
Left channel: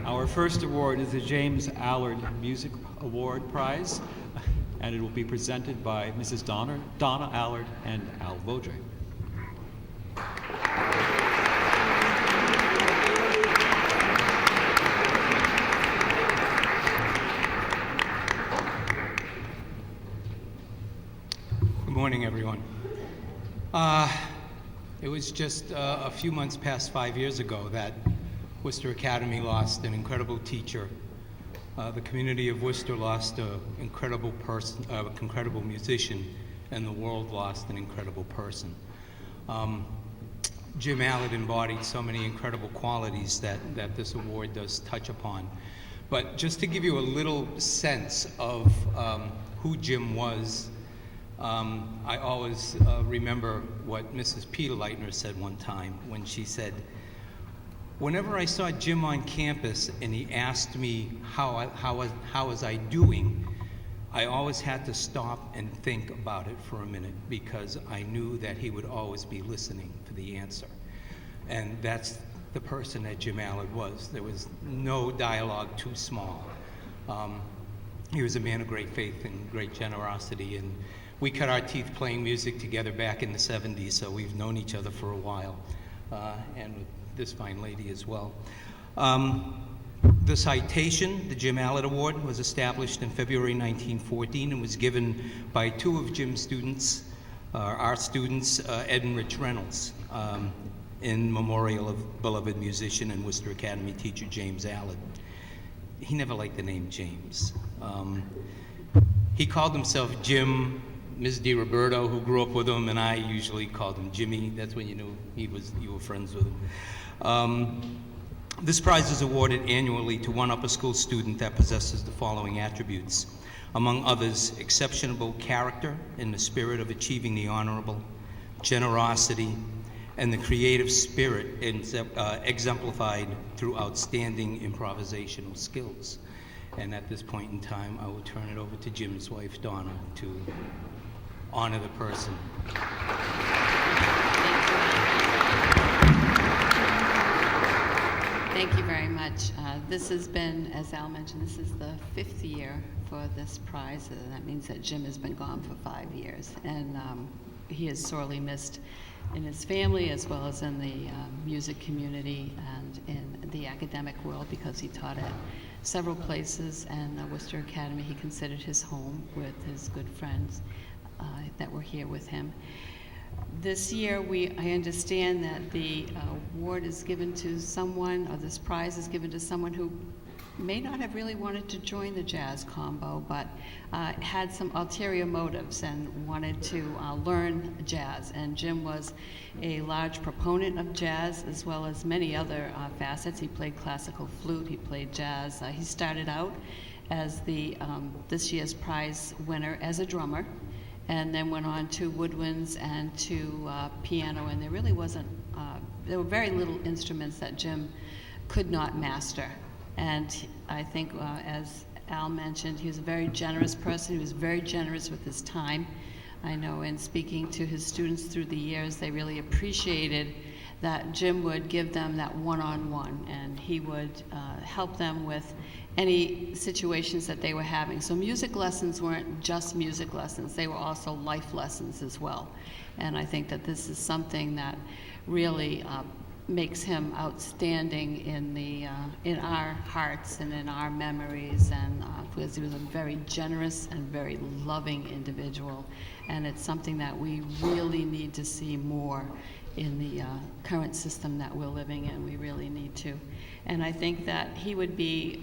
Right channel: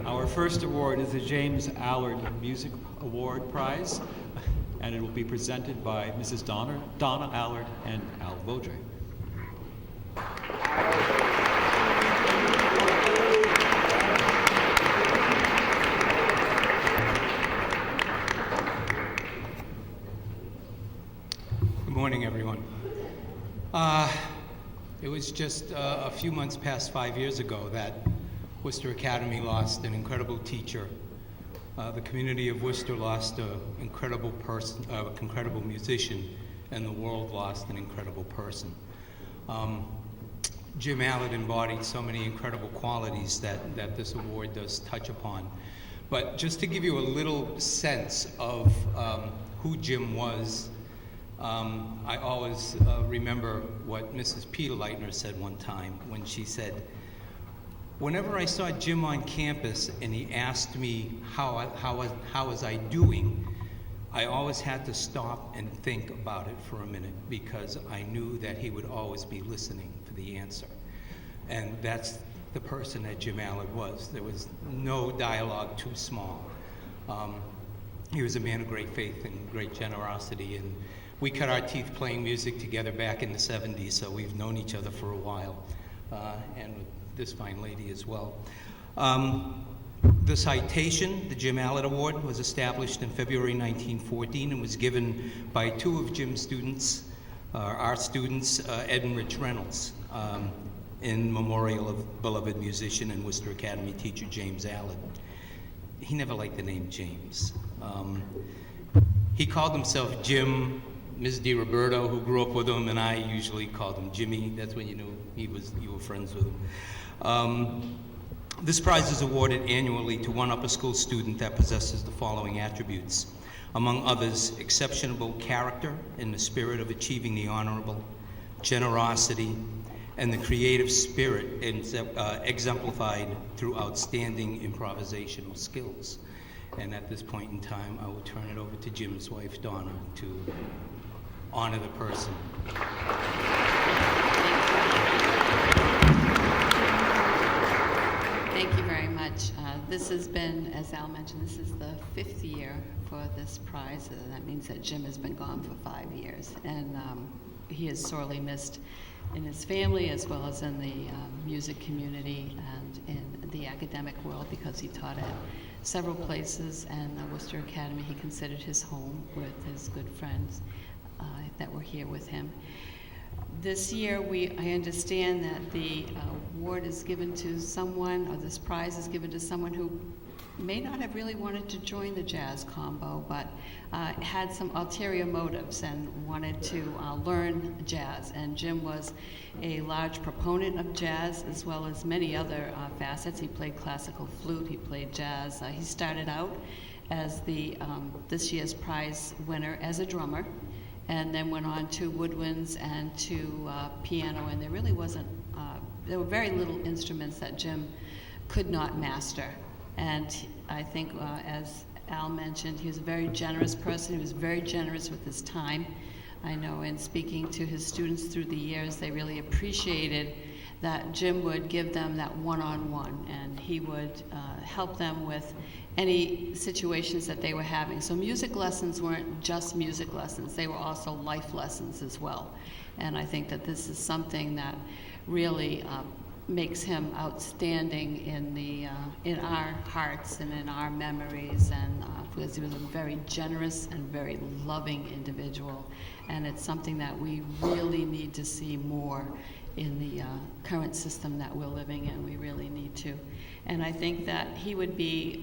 Our first award is the James Allard Music Award Prize, and it will be presented by Mrs. Donna Allard and Al Vaudrey. Good morning, everyone. It was just a few months past 5 years ago that Worcester Academy lost an incredible teacher. The community of Worcester lost an incredible person, incredible musician, and the world lost an incredible person. Jim Allard embodied so many incredible qualities that this award does touch upon. But just to give you a little sense of who Jim was, I always remember what Mrs. Peter Leitner said one time when she said, whenever I saw Jim on campus and he asked me how was I doing, I always had to stop and think about it for a minute because I knew that he would always be listening for the answer. And that's the person that Jim Allard was. There was no dialogue too small. He was a man of great faith and great generosity, and we cut our teeth playing music together back in the 70s, so we've known each other for a while, and with this fine lady as well. The citation, the Jim Allard Award, was established in February 1914 and was given by two of Jim's students, our students, Ed and Rich Reynolds, in memorial of beloved musician and Worcester Academy teacher James Allard. He never liked the name James. He called himself Jim. Ms. DiRoberto, who grew up with him, and I usually called him Jimmy. That's when you knew you were friends with him. This prize is awarded annually to one upper school student that possesses the following attributes. Among others, exceptional character in the spirit of achieving the honorable, generosity, and the creative spirit exemplified through outstanding improvisational skills. And at this point in time, I will turn it over to Jim's wife, Donna, to honor the person. Thank you very much. This has been, as Al mentioned, this is the 5th year for this prize. That means that Jim has been gone for 5 years, and he is sorely missed in his family as well as in the music community and in the academic world because he taught at several places, and Worcester Academy he considered his home with his good friends that were here with him. This year, I understand that the award is given to someone, or this prize is given to someone who may not have really wanted to join the jazz combo, but had some ulterior motives and wanted to learn jazz. And Jim was a large proponent of jazz as well as many other facets. He played classical flute, he played jazz. He started out as this year's prize winner as a drummer, and then went on to woodwinds and to piano, and there really wasn't, there were very little instruments that Jim could not master. And I think, as Al mentioned, he was a very generous person. He was very generous with his time. I know in speaking to his students through the years, they really appreciated that Jim would give them that one-on-one, and he would help them with any situations that they were having. So music lessons weren't just music lessons, they were also life lessons as well. And I think that this is something that really makes him outstanding in our hearts and in our memories, and because he was a very generous and very loving individual, and it's something that we really need to see more in the current system that we're living in. We really need to. And I think that he would be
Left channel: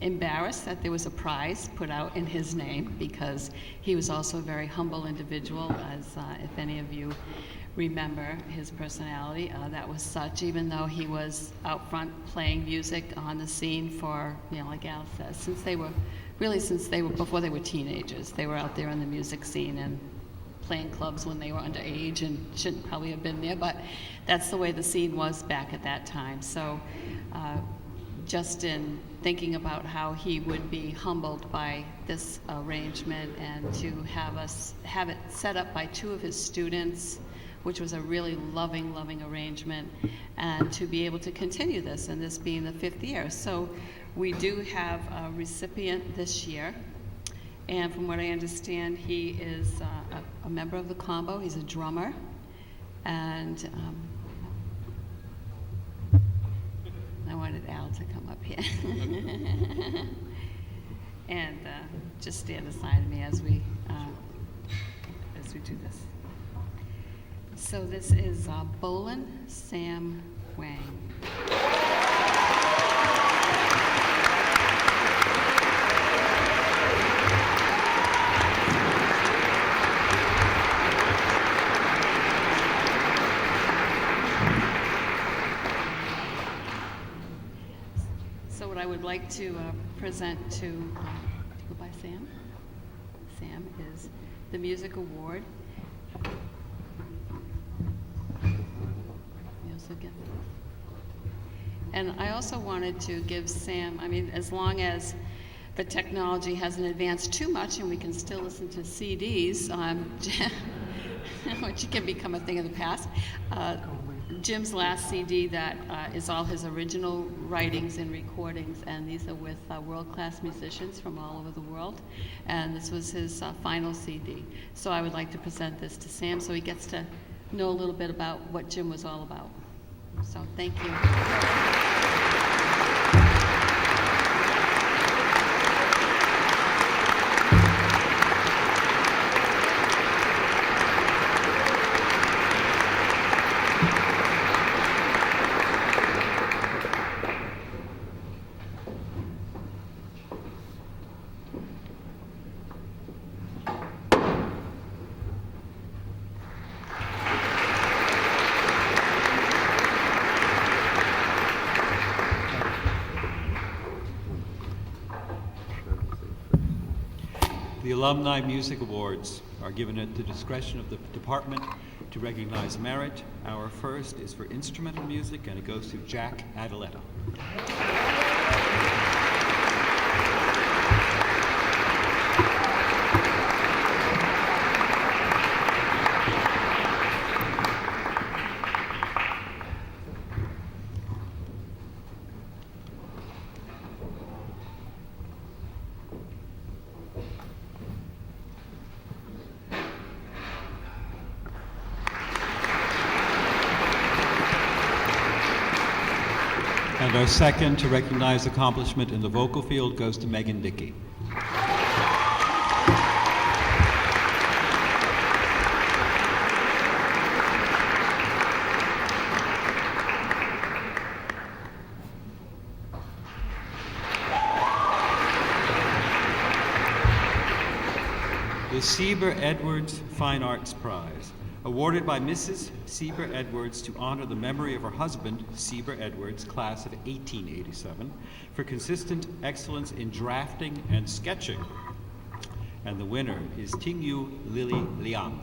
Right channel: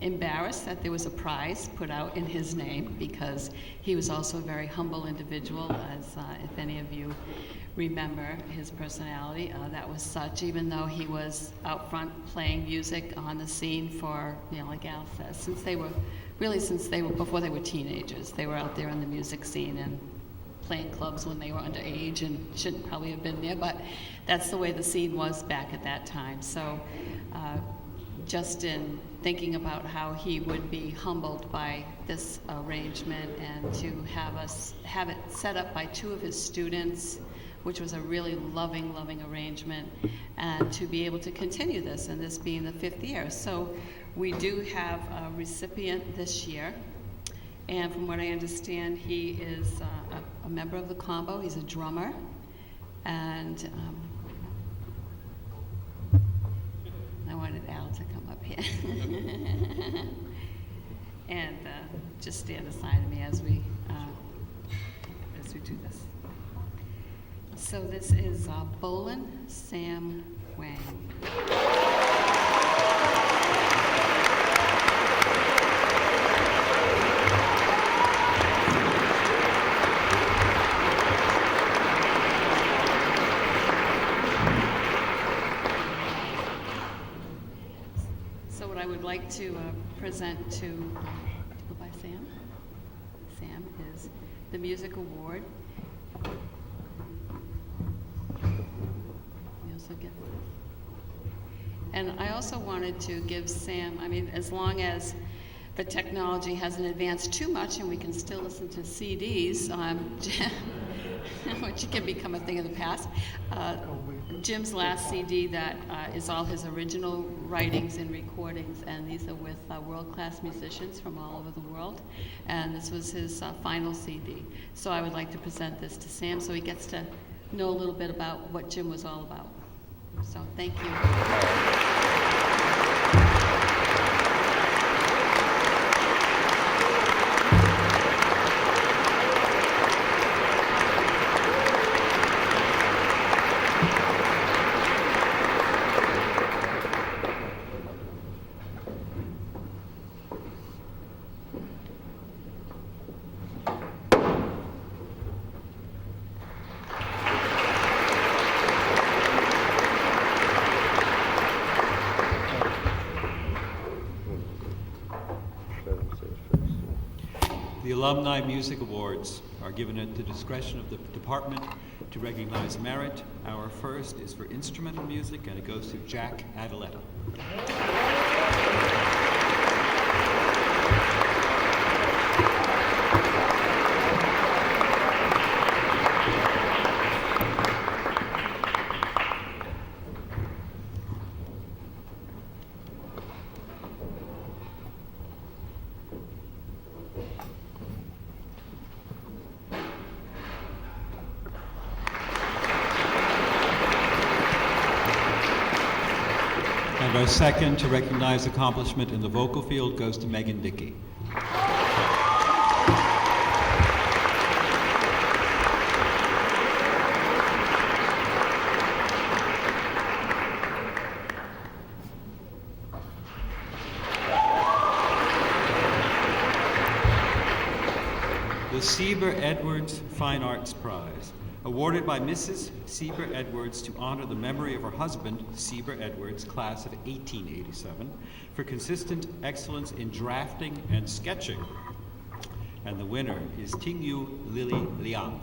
embarrassed that there was a prize put out in his name, because he was also a very humble individual, as if any of you remember his personality. That was such, even though he was out front playing music on the scene for, like Al says, since they were before they were teenagers, they were out there in the music scene, and playing clubs when they were underage and shouldn't probably have been there, but that's the way the scene was back at that time. So just in thinking about how he would be humbled by this arrangement and to have it set up by two of his students, which was a really loving arrangement, and to be able to continue this, and this being the 5th year. So we do have a recipient this year, and from what I understand, he is a member of the combo. He's a drummer, and I wanted Al to come up here and just stand aside of me as we do this. So this is Bolin Sam Wang. So what I would like to present to go by Sam. Sam is the Music Award. And I also wanted to give Sam, I mean, as long as the technology hasn't advanced too much and we can still listen to CDs, which can become a thing of the past, Jim's last CD that is all his original writings and recordings, and these are with world-class musicians from all over the world, and this was his final CD. So I would like to present this to Sam so he gets to know a little bit about what Jim was all about. So thank you. The Alumni Music Awards are given at the discretion of the department to recognize merit. Our first is for instrumental music, and it goes to Jack Adaletta. And our second to recognize accomplishment in the vocal field goes to Megan Dickey. The Sieber Edwards Fine Arts Prize, awarded by Mrs. Sieber Edwards to honor the memory of her husband, Sieber Edwards, class of 1887, for consistent excellence in drafting and sketching. And the winner is Tingyu Lily Liang.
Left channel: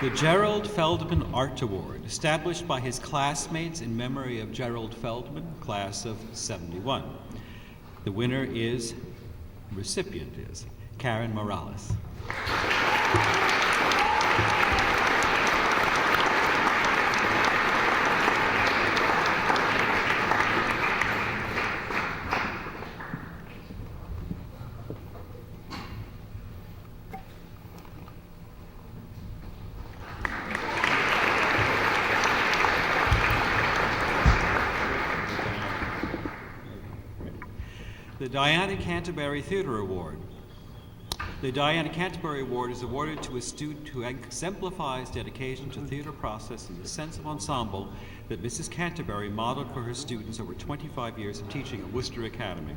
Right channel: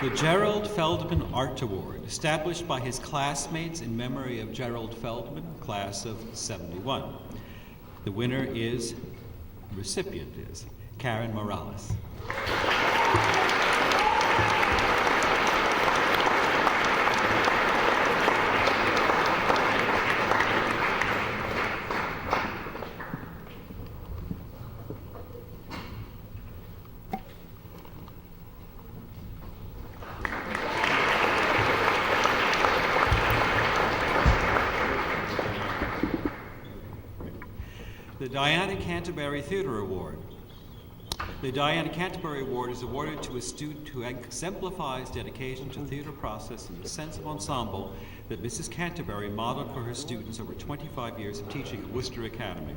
The Gerald Feldman Art Award, established by his classmates in memory of Gerald Feldman, class of 71. The winner is, recipient is, Karen Morales. The Diana Canterbury Theatre Award, The Diana Canterbury Award is awarded to a student who exemplifies dedication to theater process and the sense of ensemble that Mrs. Canterbury modeled for her students over 25 years of teaching at Worcester Academy.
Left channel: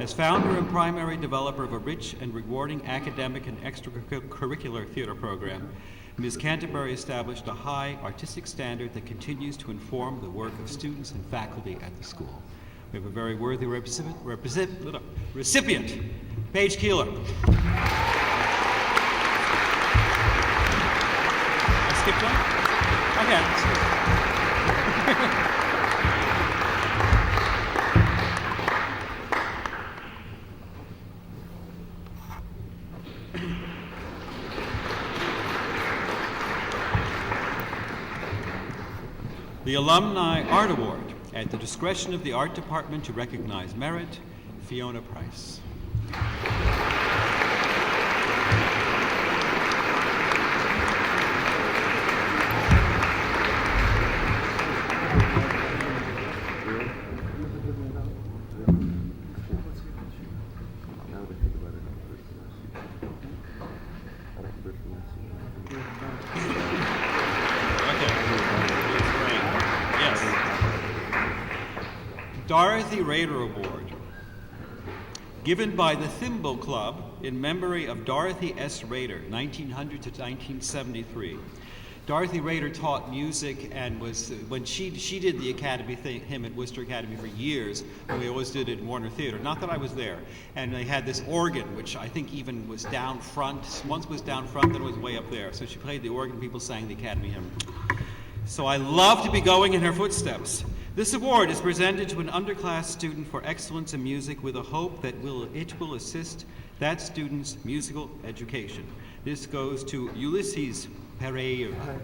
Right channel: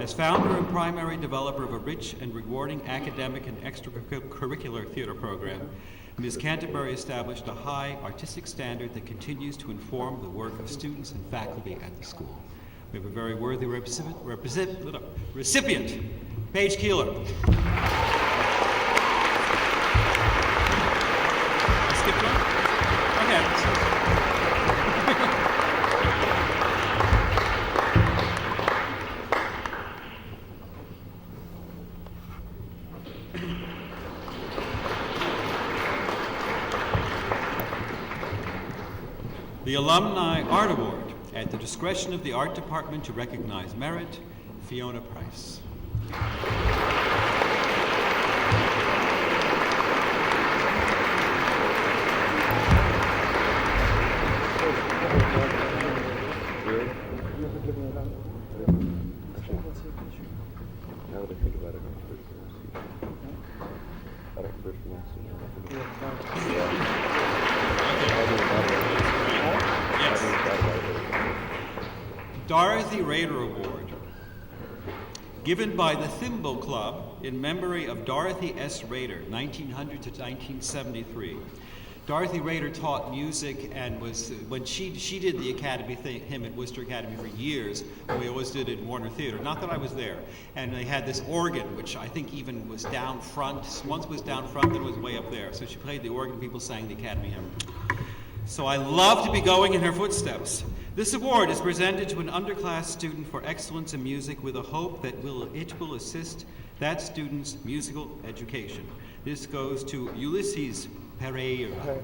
As founder and primary developer of a rich and rewarding academic and extracurricular theater program, Ms. Canterbury established a high artistic standard that continues to inform the work of students and faculty at the school. We have a very worthy recipient, Paige Keeler. I skipped one? Okay. The Alumni Art Award, at the discretion of the Art Department to recognize merit, Fiona Price. Now that I think about it, I'm first one. Yes. Dorothy Rader Award, given by the Thimble Club in memory of Dorothy S. Rader, 1900 to 1973. Dorothy Rader taught music and was, when she did the Academy thing, him at Worcester Academy for years, and we always did it in Warner Theater. Not that I was there. And they had this organ, which I think even was down front. Once was down front, then it was way up there. So she played the organ, people sang the Academy hymn. So I love to be going in her footsteps. This award is presented to an underclass student for excellence in music with a hope that it will assist that student's musical education. This goes to Ulysses Pereira.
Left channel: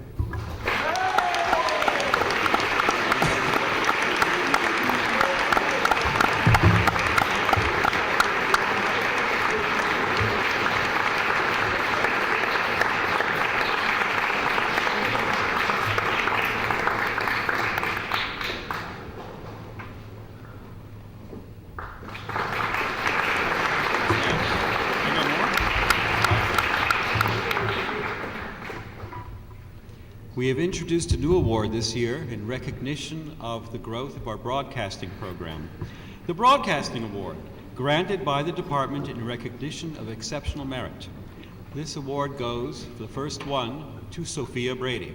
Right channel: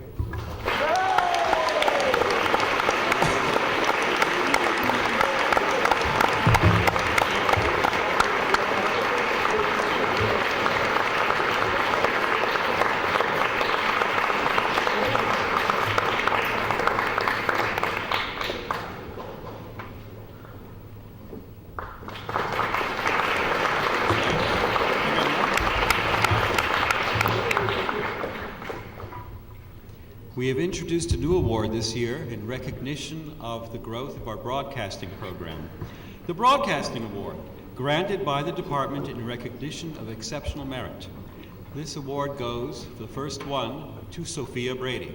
We have introduced a new award this year in recognition of the growth of our broadcasting program. The Broadcasting Award, granted by the department in recognition of exceptional merit. This award goes, for the first one, to Sophia Brady.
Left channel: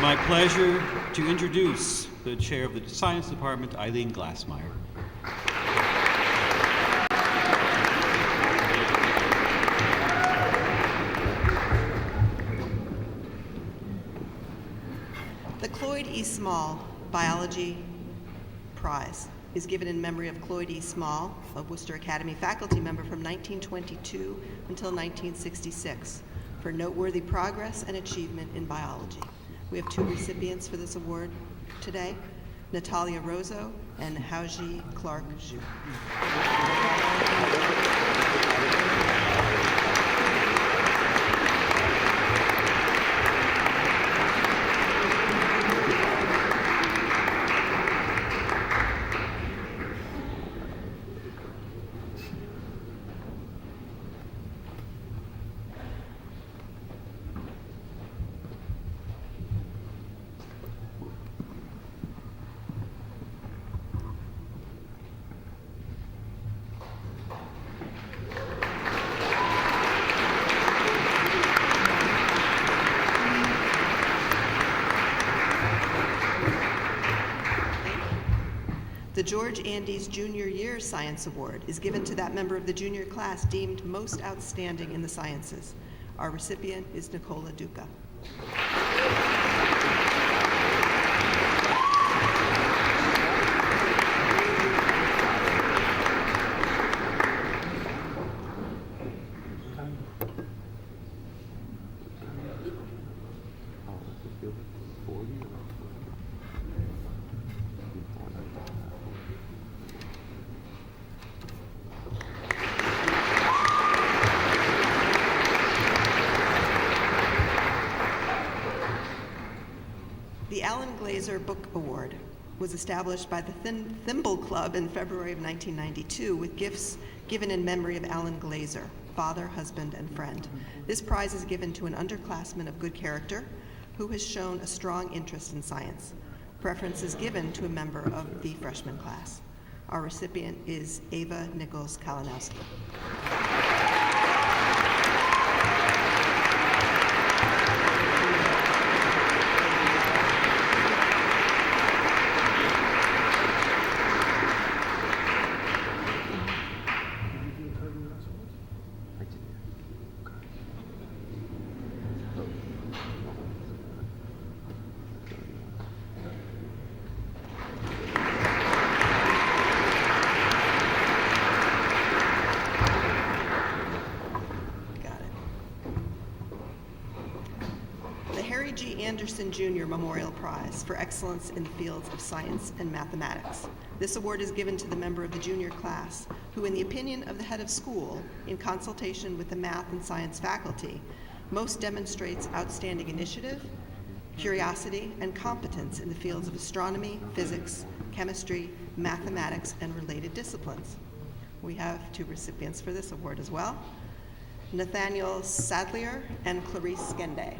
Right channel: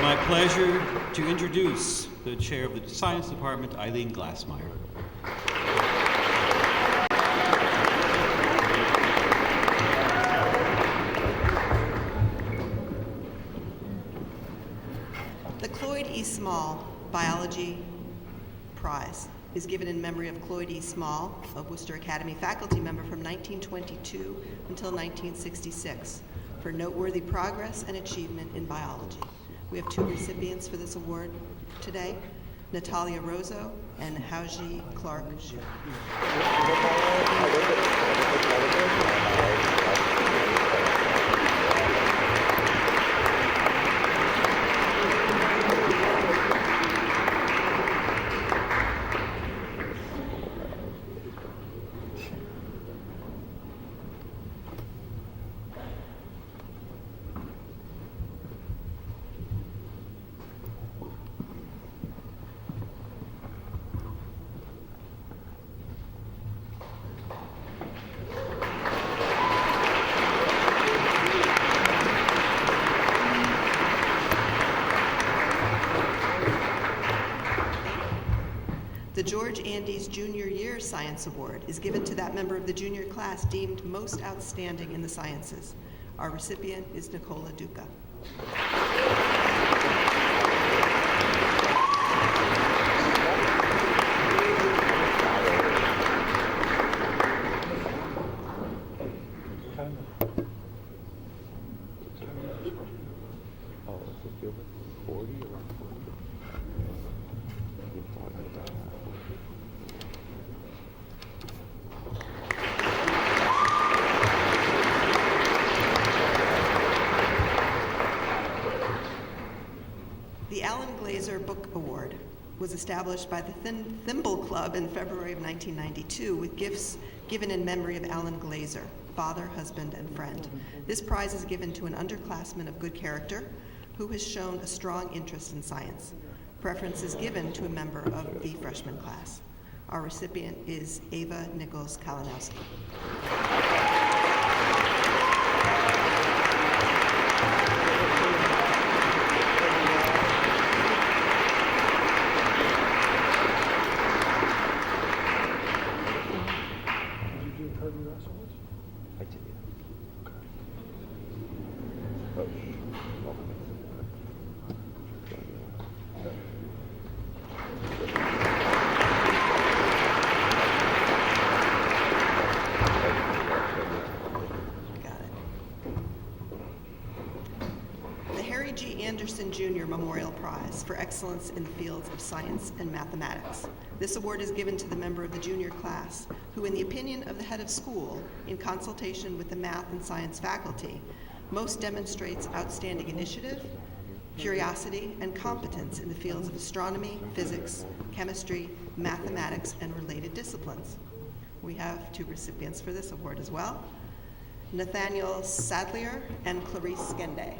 My pleasure to introduce the chair of the Science Department, Eileen Glassmeyer. The Cloyd E. Small Biology Prize is given in memory of Cloyd E. Small, a Worcester Academy faculty member from 1922 until 1966, for noteworthy progress and achievement in biology. We have two recipients for this award today, Natalia Rozo and Haoji Clark Zhu. The George Andes Junior Year Science Award is given to that member of the junior class deemed most outstanding in the sciences. Our recipient is Nicola Duca. Glaser Book Award was established by the Thimble Club in February of 1992 with gifts given in memory of Alan Glaser, father, husband, and friend. This prize is given to an underclassman of good character who has shown a strong interest in science. Preference is given to a member of the freshman class. Our recipient is Ava Nichols Kalinowski. Anderson Jr. Memorial Prize for excellence in the fields of science and mathematics. This award is given to the member of the junior class who, in the opinion of the head of school, in consultation with the math and science faculty, most demonstrates outstanding initiative, curiosity, and competence in the fields of astronomy, physics, chemistry, mathematics, and related disciplines. We have 2 recipients for this award as well, Nathaniel Sadlier and Clarice Skende.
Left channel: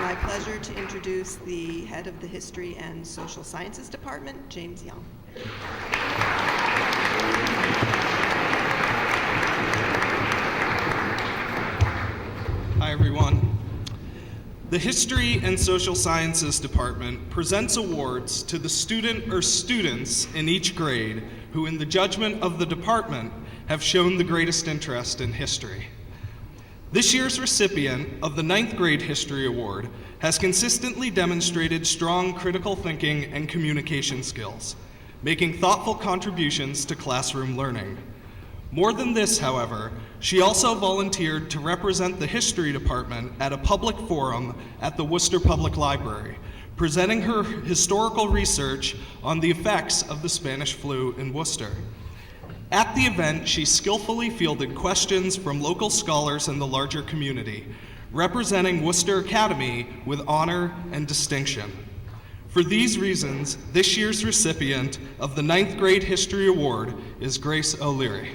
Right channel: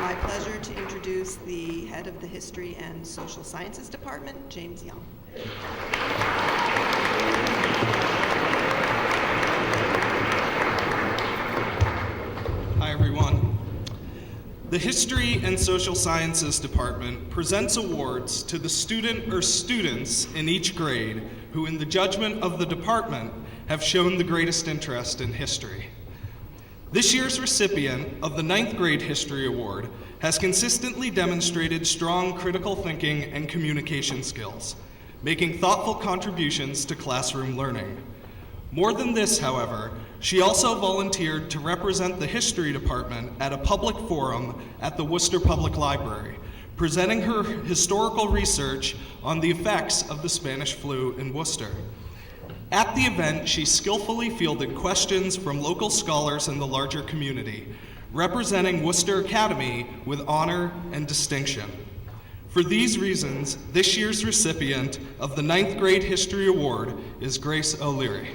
My pleasure to introduce the head of the History and Social Sciences Department, James Young. Hi, everyone. The History and Social Sciences Department presents awards to the student or students in each grade who, in the judgment of the department, have shown the greatest interest in history. This year's recipient of the 9th grade History Award has consistently demonstrated strong critical thinking and communication skills, making thoughtful contributions to classroom learning. More than this, however, she also volunteered to represent the History Department at a public forum at the Worcester Public Library, presenting her historical research on the effects of the Spanish flu in Worcester. At the event, she skillfully fielded questions from local scholars in the larger community, representing Worcester Academy with honor and distinction. For these reasons, this year's recipient of the 9th grade History Award is Grace O'Leary.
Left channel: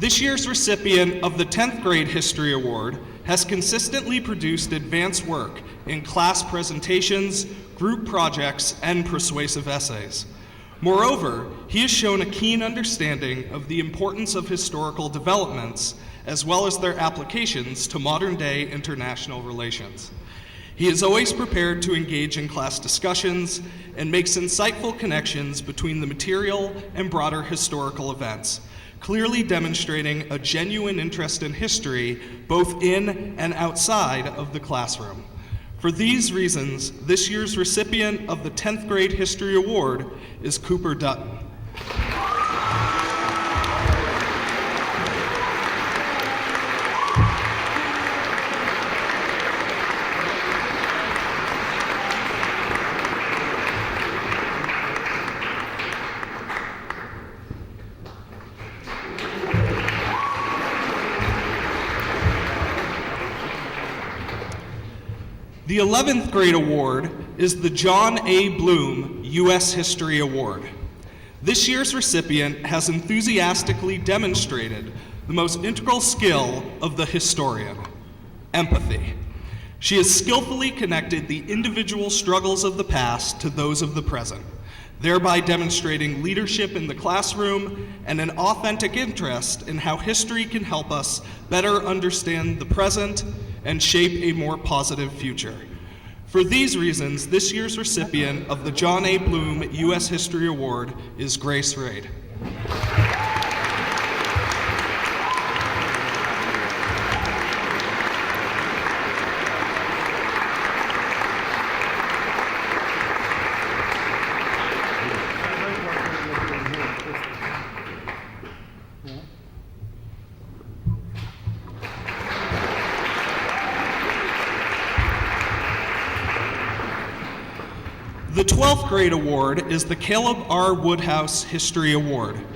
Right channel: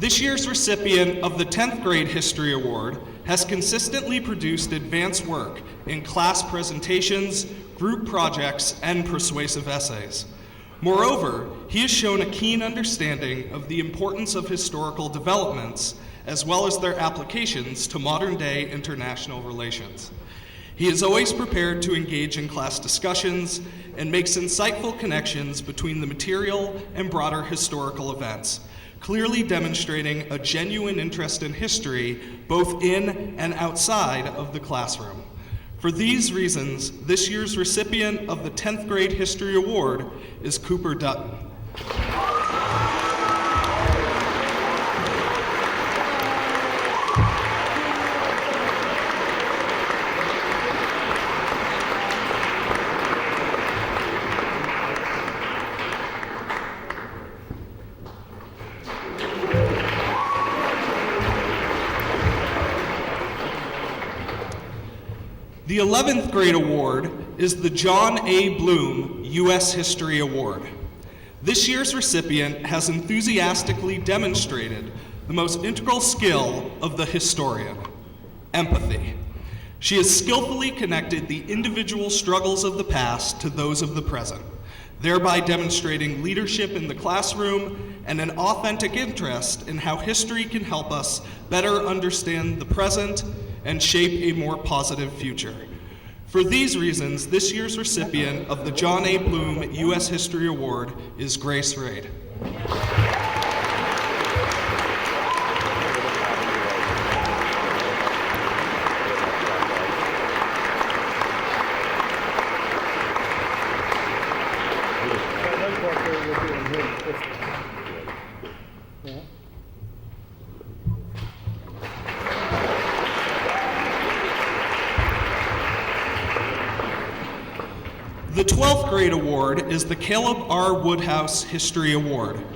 This year's recipient of the 10th grade History Award has consistently produced advanced work in class presentations, group projects, and persuasive essays. Moreover, he has shown a keen understanding of the importance of historical developments, as well as their applications to modern-day international relations. He is always prepared to engage in class discussions and makes insightful connections between the material and broader historical events, clearly demonstrating a genuine interest in history both in and outside of the classroom. For these reasons, this year's recipient of the 10th grade History Award is Cooper Dutton. The 11th grade award is the John A. Bloom U.S. History Award. This year's recipient has enthusiastically demonstrated the most integral skill of the historian, empathy. She has skillfully connected the individual struggles of the past to those of the present, thereby demonstrating leadership in the classroom and an authentic interest in how history can help us better understand the present and shape a more positive future. For these reasons, this year's recipient of the John A. Bloom U.S. History Award is Grace Raid. The 12th grade award is the Caleb R. Woodhouse History Award.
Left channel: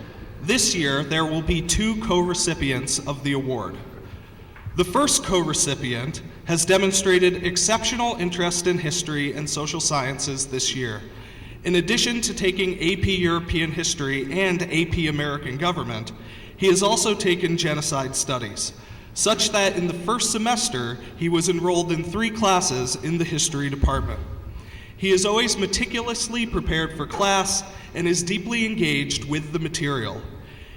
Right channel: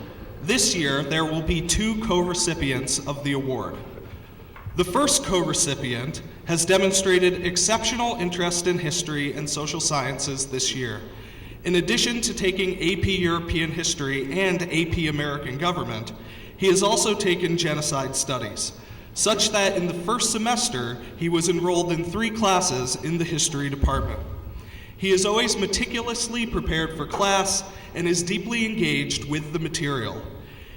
This year, there will be 2 co-recipients of the award. The first co-recipient has demonstrated exceptional interest in history and social sciences this year. In addition to taking AP European History and AP American Government, he has also taken genocide studies, such that in the first semester, he was enrolled in 3 classes in the history department. He is always meticulously prepared for class and is deeply engaged with the material.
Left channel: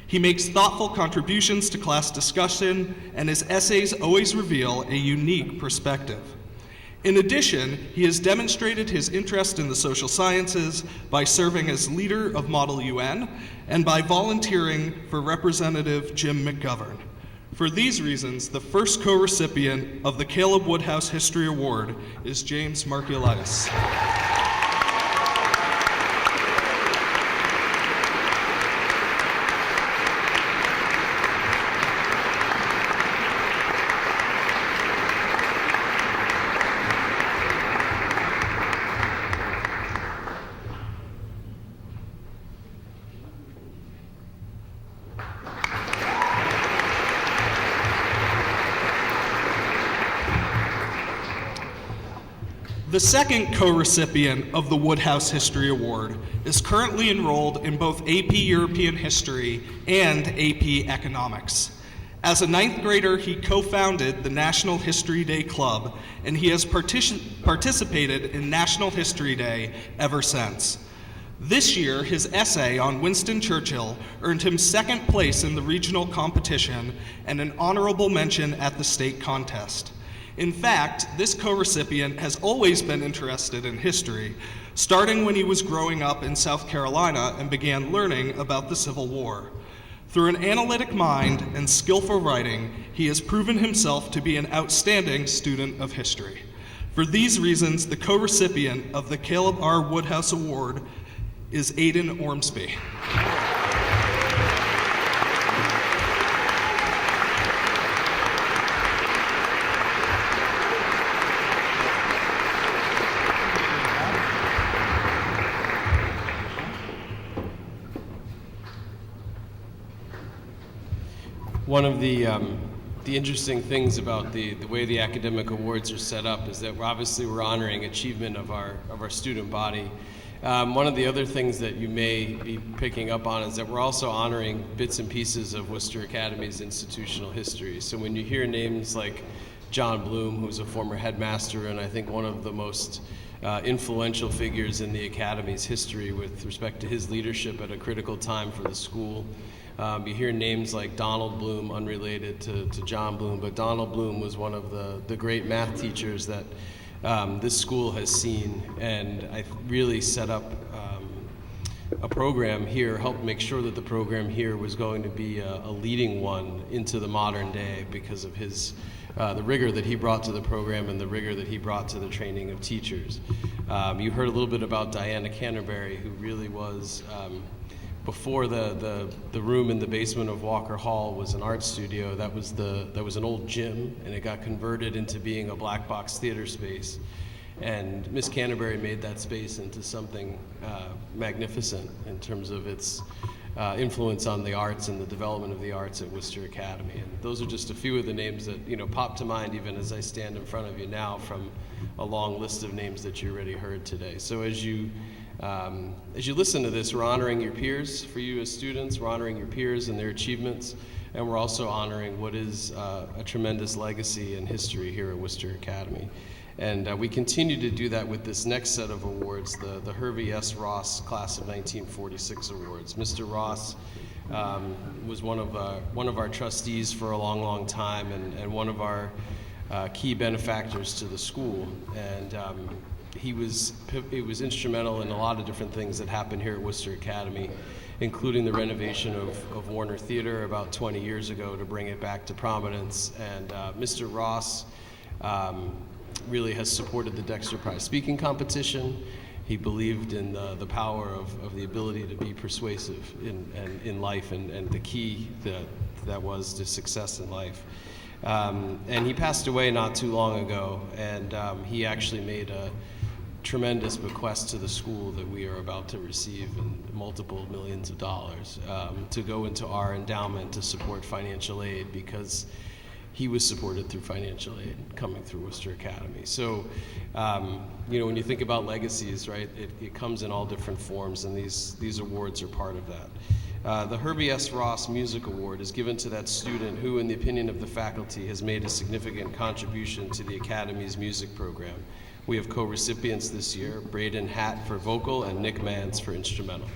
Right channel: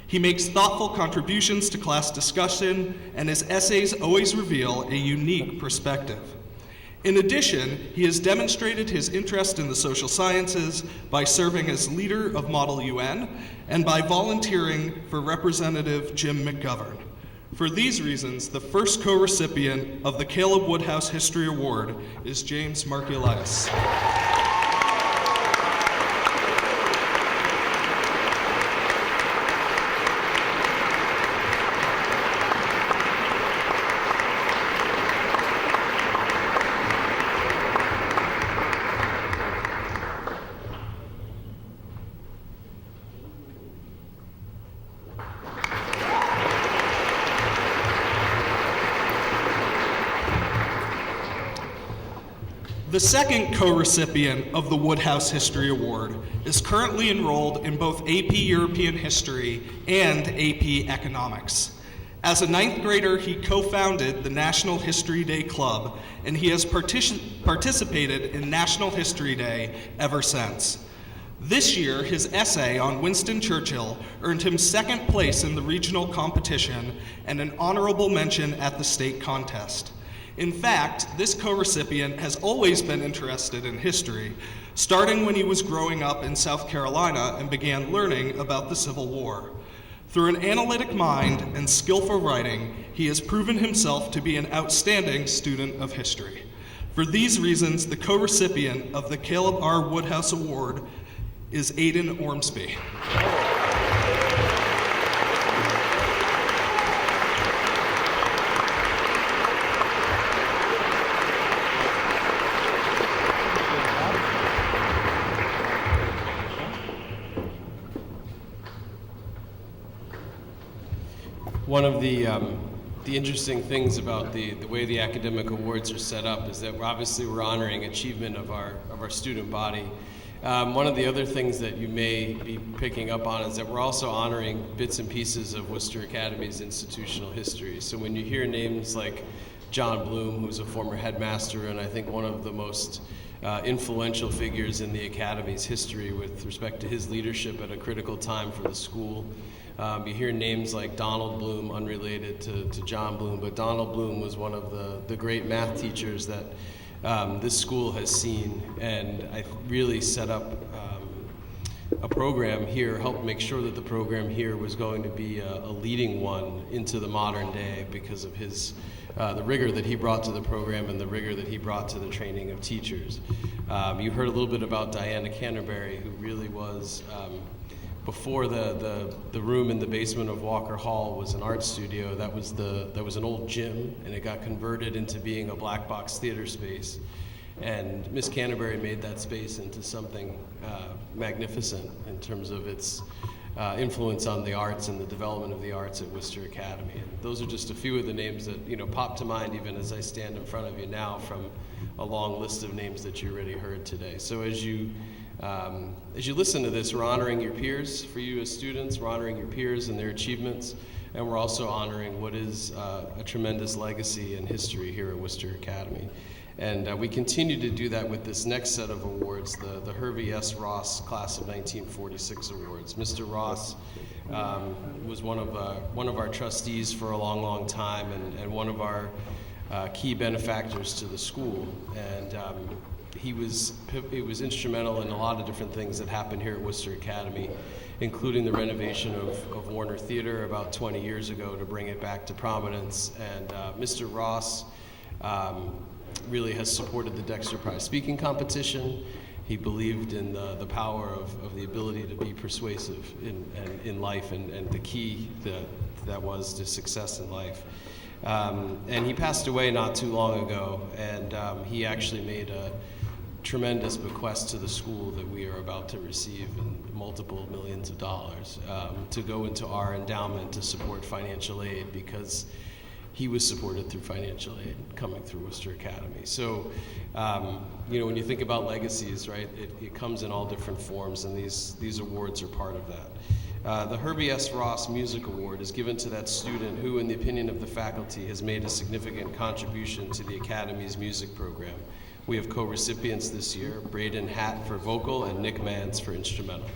He makes thoughtful contributions to class discussion, and his essays always reveal a unique perspective. In addition, he has demonstrated his interest in the social sciences by serving as leader of Model UN and by volunteering for Representative Jim McGovern. For these reasons, the first co-recipient of the Caleb Woodhouse History Award is James Markiolitis. The second co-recipient of the Woodhouse History Award is currently enrolled in both AP European History and AP Economics. As a 9th grader, he co-founded the National History Day Club, and he has participated in National History Day ever since. This year, his essay on Winston Churchill earned him 2nd place in the regional competition and an honorable mention at the state contest. In fact, this co-recipient has always been interested in history, starting when he was growing up in South Carolina and began learning about the Civil War. Through an analytic mind and skillful writing, he has proven himself to be an outstanding student of history. For these reasons, the co-recipient of the Caleb R. Woodhouse Award is Aidan Ormsby. One of the interesting things about the way the academic awards are set up is that we're honoring achievement of our student body. One of the other things that you may be picking up on is that we're also honoring bits and pieces of Worcester Academy's institutional history. So when you hear names like John Bloom, who's a former headmaster and I think one of the most influential figures in the Academy's history with respect to his leadership at a critical time for the school. You hear names like Donald Bloom, unrelated to John Bloom, but Donald Bloom was one of the great math teachers that this school has seen, and I really set up a program here, helped make sure that the program here was going to be a leading one into the modern day because of his the rigor that he brought to the program and the rigor that he brought to the training of teachers. You heard a little bit about Diana Canterbury, who really was, before the room in the basement of Walker Hall was an art studio, that was an old gym, and it got converted into being a black box theater space. And Miss Canterbury made that space into something magnificent in terms of its influence on the arts and the development of the arts at Worcester Academy. And those are just a few of the names that pop to mind even as I stand in front of you now from a long list of names that you already heard today. So as you listen to this, we're honoring your peers. For you as students, we're honoring your peers and their achievements. and we're also honoring what is a tremendous legacy and history here at Worcester Academy. And we continue to do that with this next set of awards, the Hervey S. Ross Class of 1946 Awards. Mr. Ross was one of our trustees for a long, long time, and one of our key benefactors to the school. And he was instrumental in a lot of different things that happened here at Worcester Academy, including the renovation of Warner Theater about 20 years ago to bring it back to prominence. And Mr. Ross really has supported the Dexter Prize speaking competition. He believed in the power of the ability to be persuasive in life, and the key that was to success in life. And he passed away not too long ago, and he actually made a tremendous bequest to the school that we are about to receive in multiple millions of dollars to go into our endowment to support financial aid, because he was supported through financial aid coming through Worcester Academy. So, when you think about legacies, right, it comes in all different forms, and these awards are part of that. The Herbie S. Ross Music Award is given to that student who, in the opinion of the faculty, has made a significant contribution to the Academy's music program. We have co-recipients this year, Braden Hatt for vocal and Nick Mans for instrumental.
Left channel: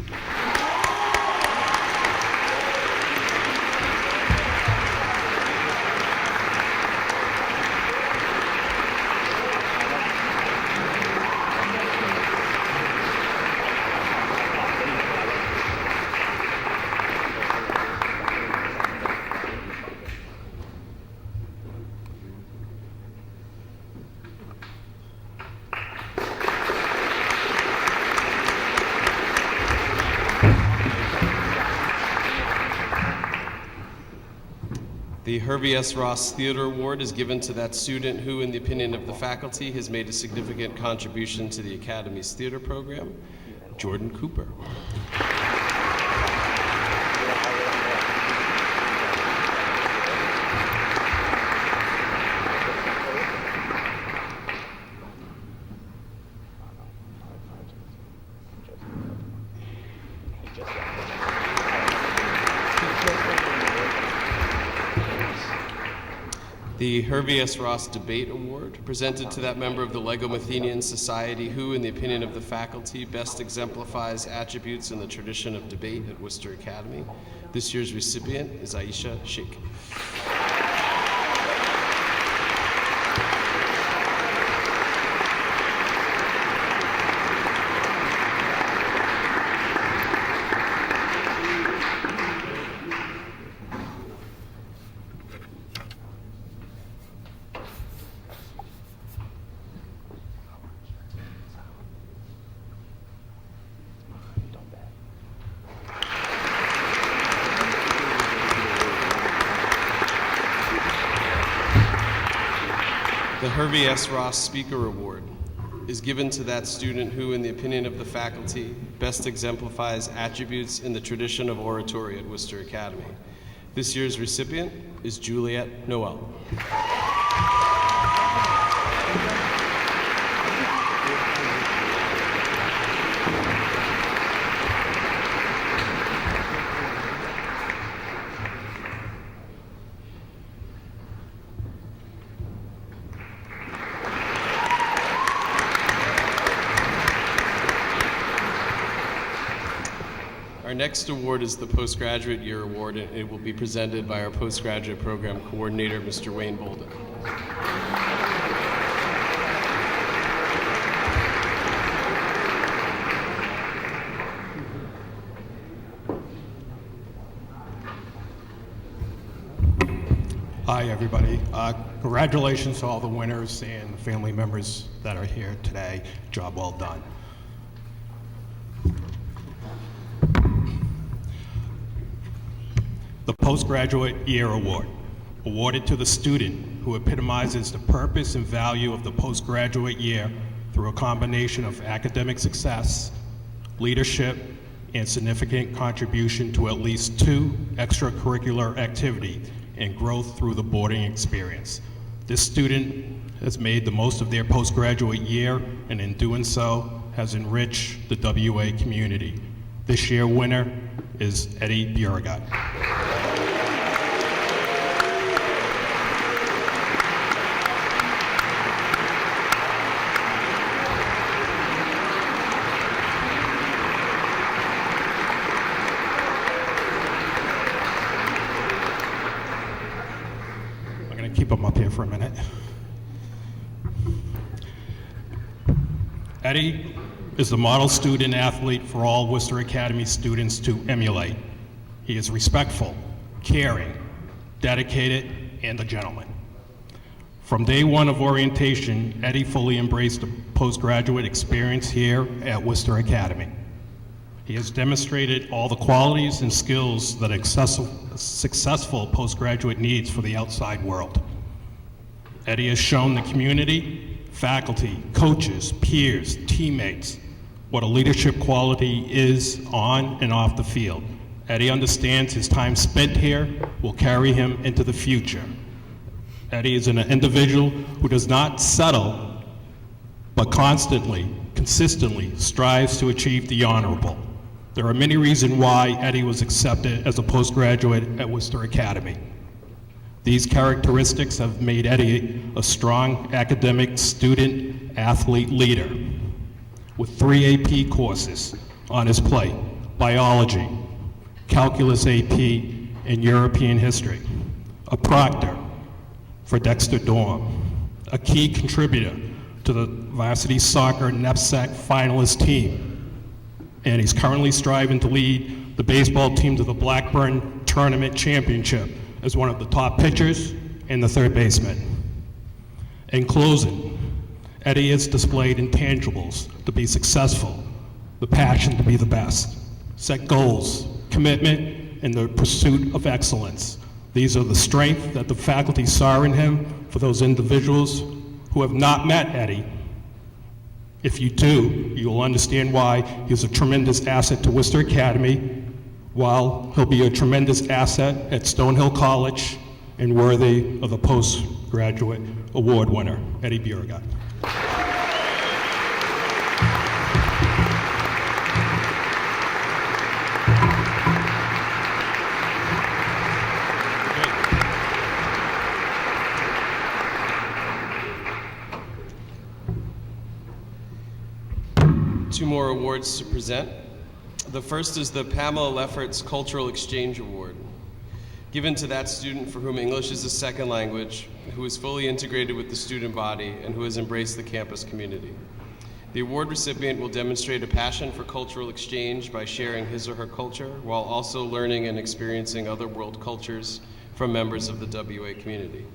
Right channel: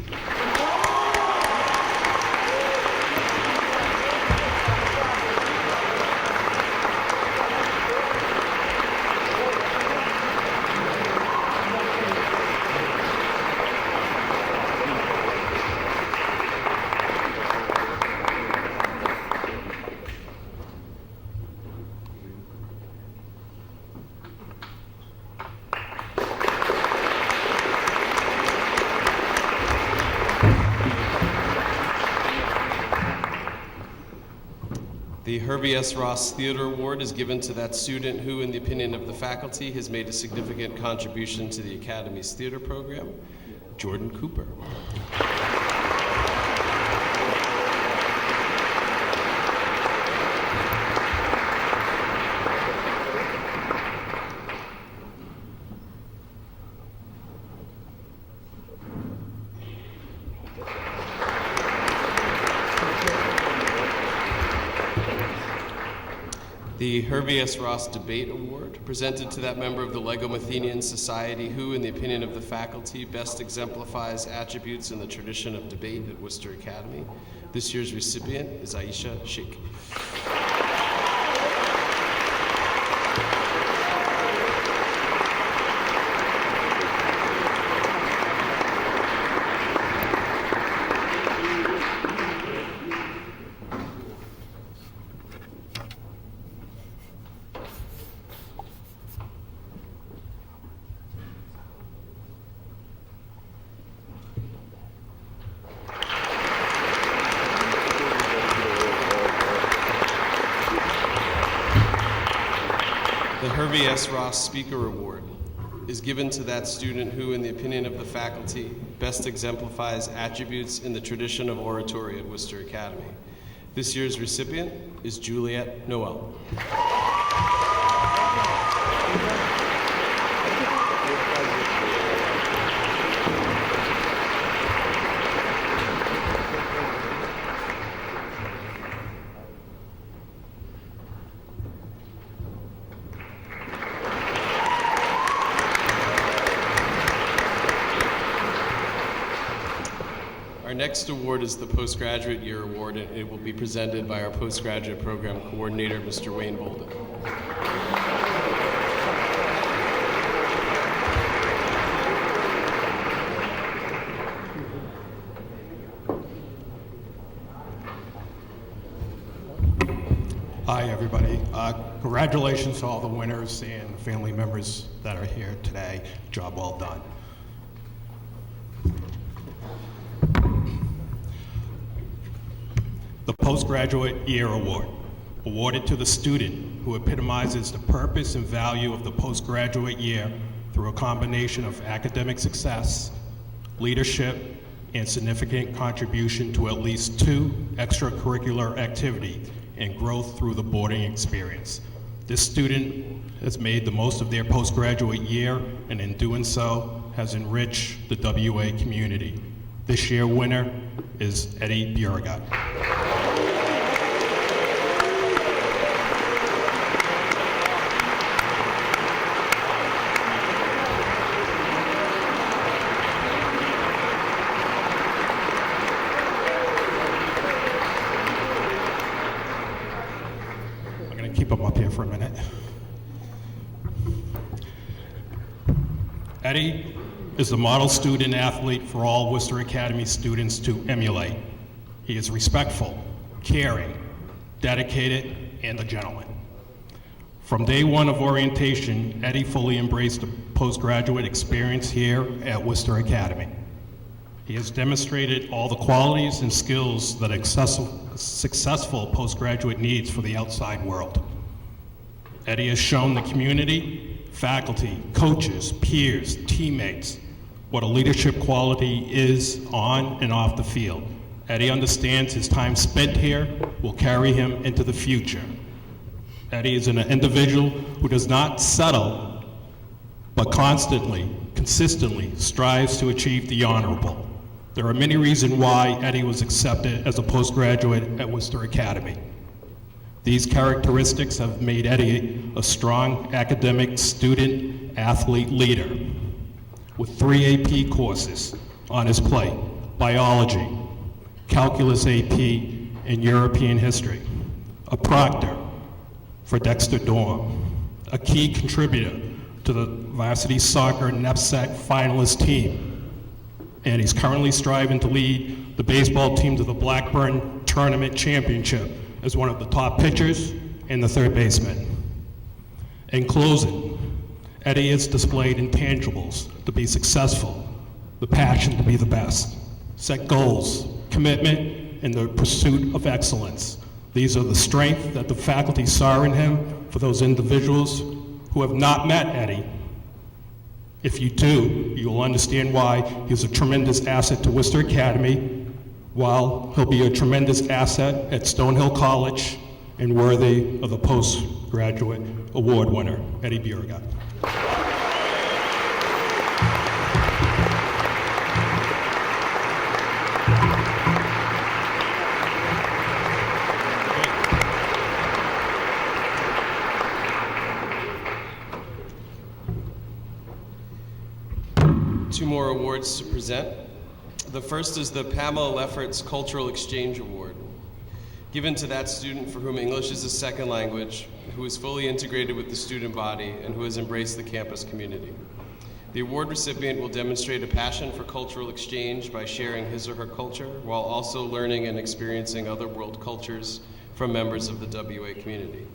The Hervey S. Ross Theater Award is given to that student who, in the opinion of the faculty, has made a significant contribution to the Academy's theater program, Jordan Cooper. The Hervey S. Ross Debate Award, presented to that member of the Legomathenian Society who, in the opinion of the faculty, best exemplifies attributes in the tradition of debate at Worcester Academy. This year's recipient is Aisha Sheikh. The Hervey S. Ross Speaker Award is given to that student who, in the opinion of the faculty, best exemplifies attributes in the tradition of oratory at Worcester Academy. This year's recipient is Juliet Noel. Our next award is the Postgraduate Year Award, and it will be presented by our Postgraduate Program Coordinator, Mr. Wayne Bolden. Hi, everybody. Congratulations to all the winners and the family members that are here today. Job well done. The Postgraduate Year Award, awarded to the student who epitomizes the purpose and value of the postgraduate year through a combination of academic success, leadership, and significant contribution to at least 2 extracurricular activities and growth through the boarding experience. This student has made the most of their postgraduate year, and in doing so, has enriched the WA community. This year's winner is Eddie Beauregard. here for a minute. Eddie is the model student athlete for all Worcester Academy students to emulate. He is respectful, caring, dedicated, and a gentleman. From day one of orientation, Eddie fully embraced the postgraduate experience here at Worcester Academy. He has demonstrated all the qualities and skills that a successful postgraduate needs for the outside world. Eddie has shown the community, faculty, coaches, peers, teammates, what a leadership quality is on and off the field. Eddie understands his time spent here will carry him into the future. Eddie is an individual who does not settle, but constantly, consistently strives to achieve the honorable. There are many reasons why Eddie was accepted as a postgraduate at Worcester Academy. These characteristics have made Eddie a strong academic student athlete leader with 3 AP courses on his plate: biology, calculus AP, and European history. A proctor for Dexter Dorm, a key contributor to the varsity soccer knapsack finalist team, and he's currently striving to lead the baseball team to the Blackburn Tournament Championship as one of the top pitchers and the third baseman. In closing, Eddie has displayed intangibles to be successful, the passion to be the best, set goals, commitment, and the pursuit of excellence. These are the strengths that the faculty saw in him. For those individuals who have not met Eddie, if you do, you will understand why he's a tremendous asset to Worcester Academy, while he'll be a tremendous asset at Stonehill College and worthy of the postgraduate award winner, Eddie Beauregard. Two more awards to present. The first is the Pamela Lefferts Cultural Exchange Award, given to that student for whom English is a second language, who is fully integrated with the student body, and who has embraced the campus community. The award recipient will demonstrate a passion for cultural exchange by sharing his or her culture, while also learning and experiencing other world cultures from members of the WA community.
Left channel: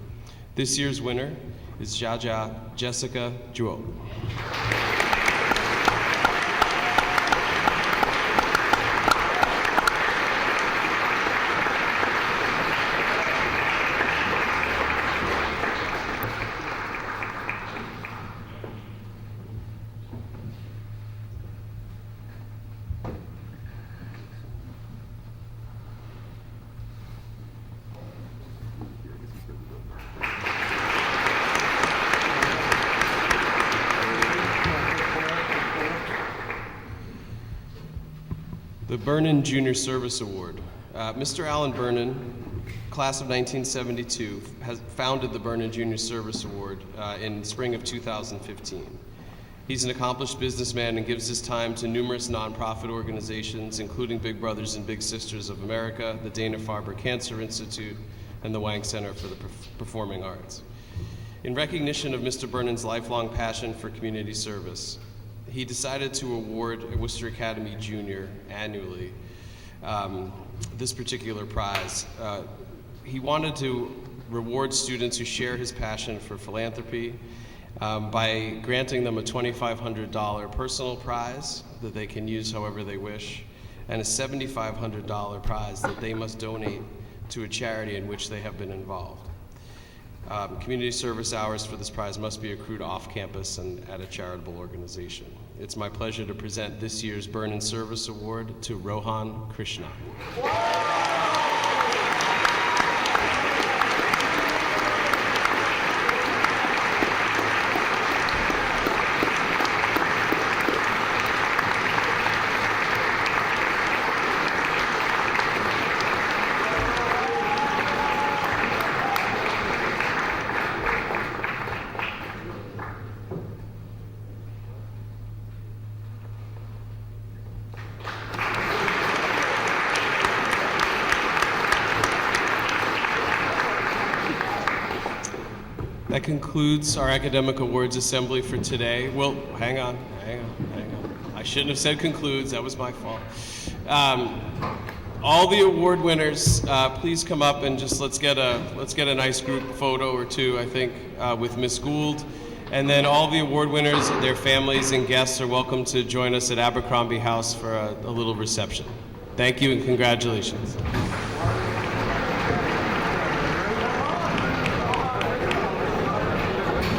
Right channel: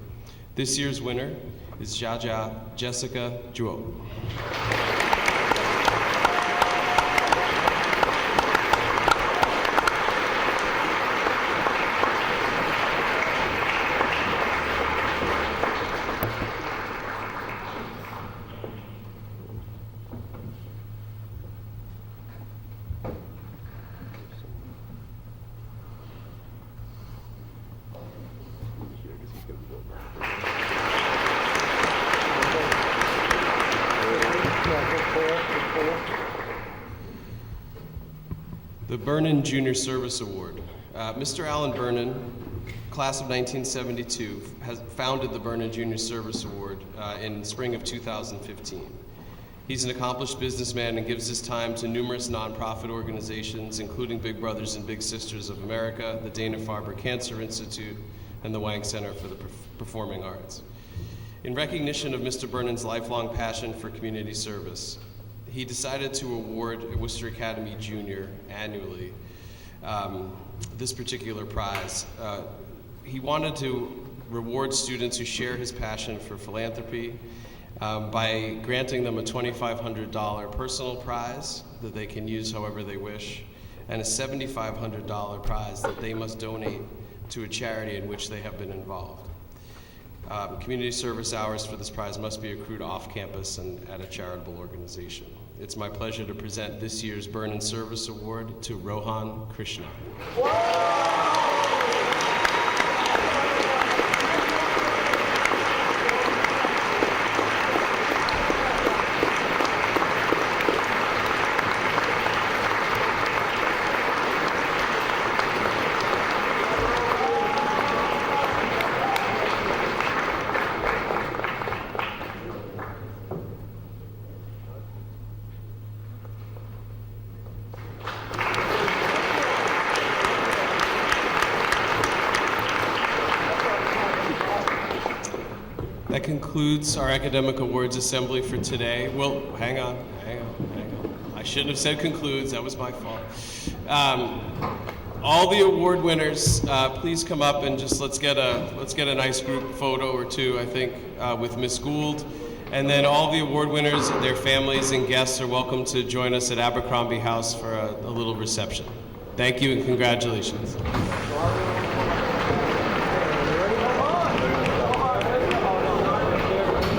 This year's winner is Jaja Jessica Juo. The Vernon Junior Service Award. Mr. Alan Vernon, class of 1972, has founded the Vernon Junior Service Award in spring of 2015. He's an accomplished businessman and gives his time to numerous nonprofit organizations, including Big Brothers and Big Sisters of America, the Dana-Farber Cancer Institute, and the Wang Center for the Performing Arts. In recognition of Mr. Vernon's lifelong passion for community service, he decided to award a Worcester Academy Junior annually this particular prize. He wanted to reward students who share his passion for philanthropy by granting them a $2,500 personal prize that they can use however they wish, and a $7,500 prize that they must donate to a charity in which they have been involved. Community service hours for this prize must be accrued off campus and at a charitable organization. It's my pleasure to present this year's Vernon Service Award to Rohan Krishna. concludes our academic awards assembly for today. Well, hang on. I shouldn't have said concludes. That was my fault. All the award winners, please come up and just let's get a nice group photo or two, I think, with Miss Gould. And then all the award winners, their families and guests are welcome to join us at Abercrombie House for a little reception. Thank you and congratulations.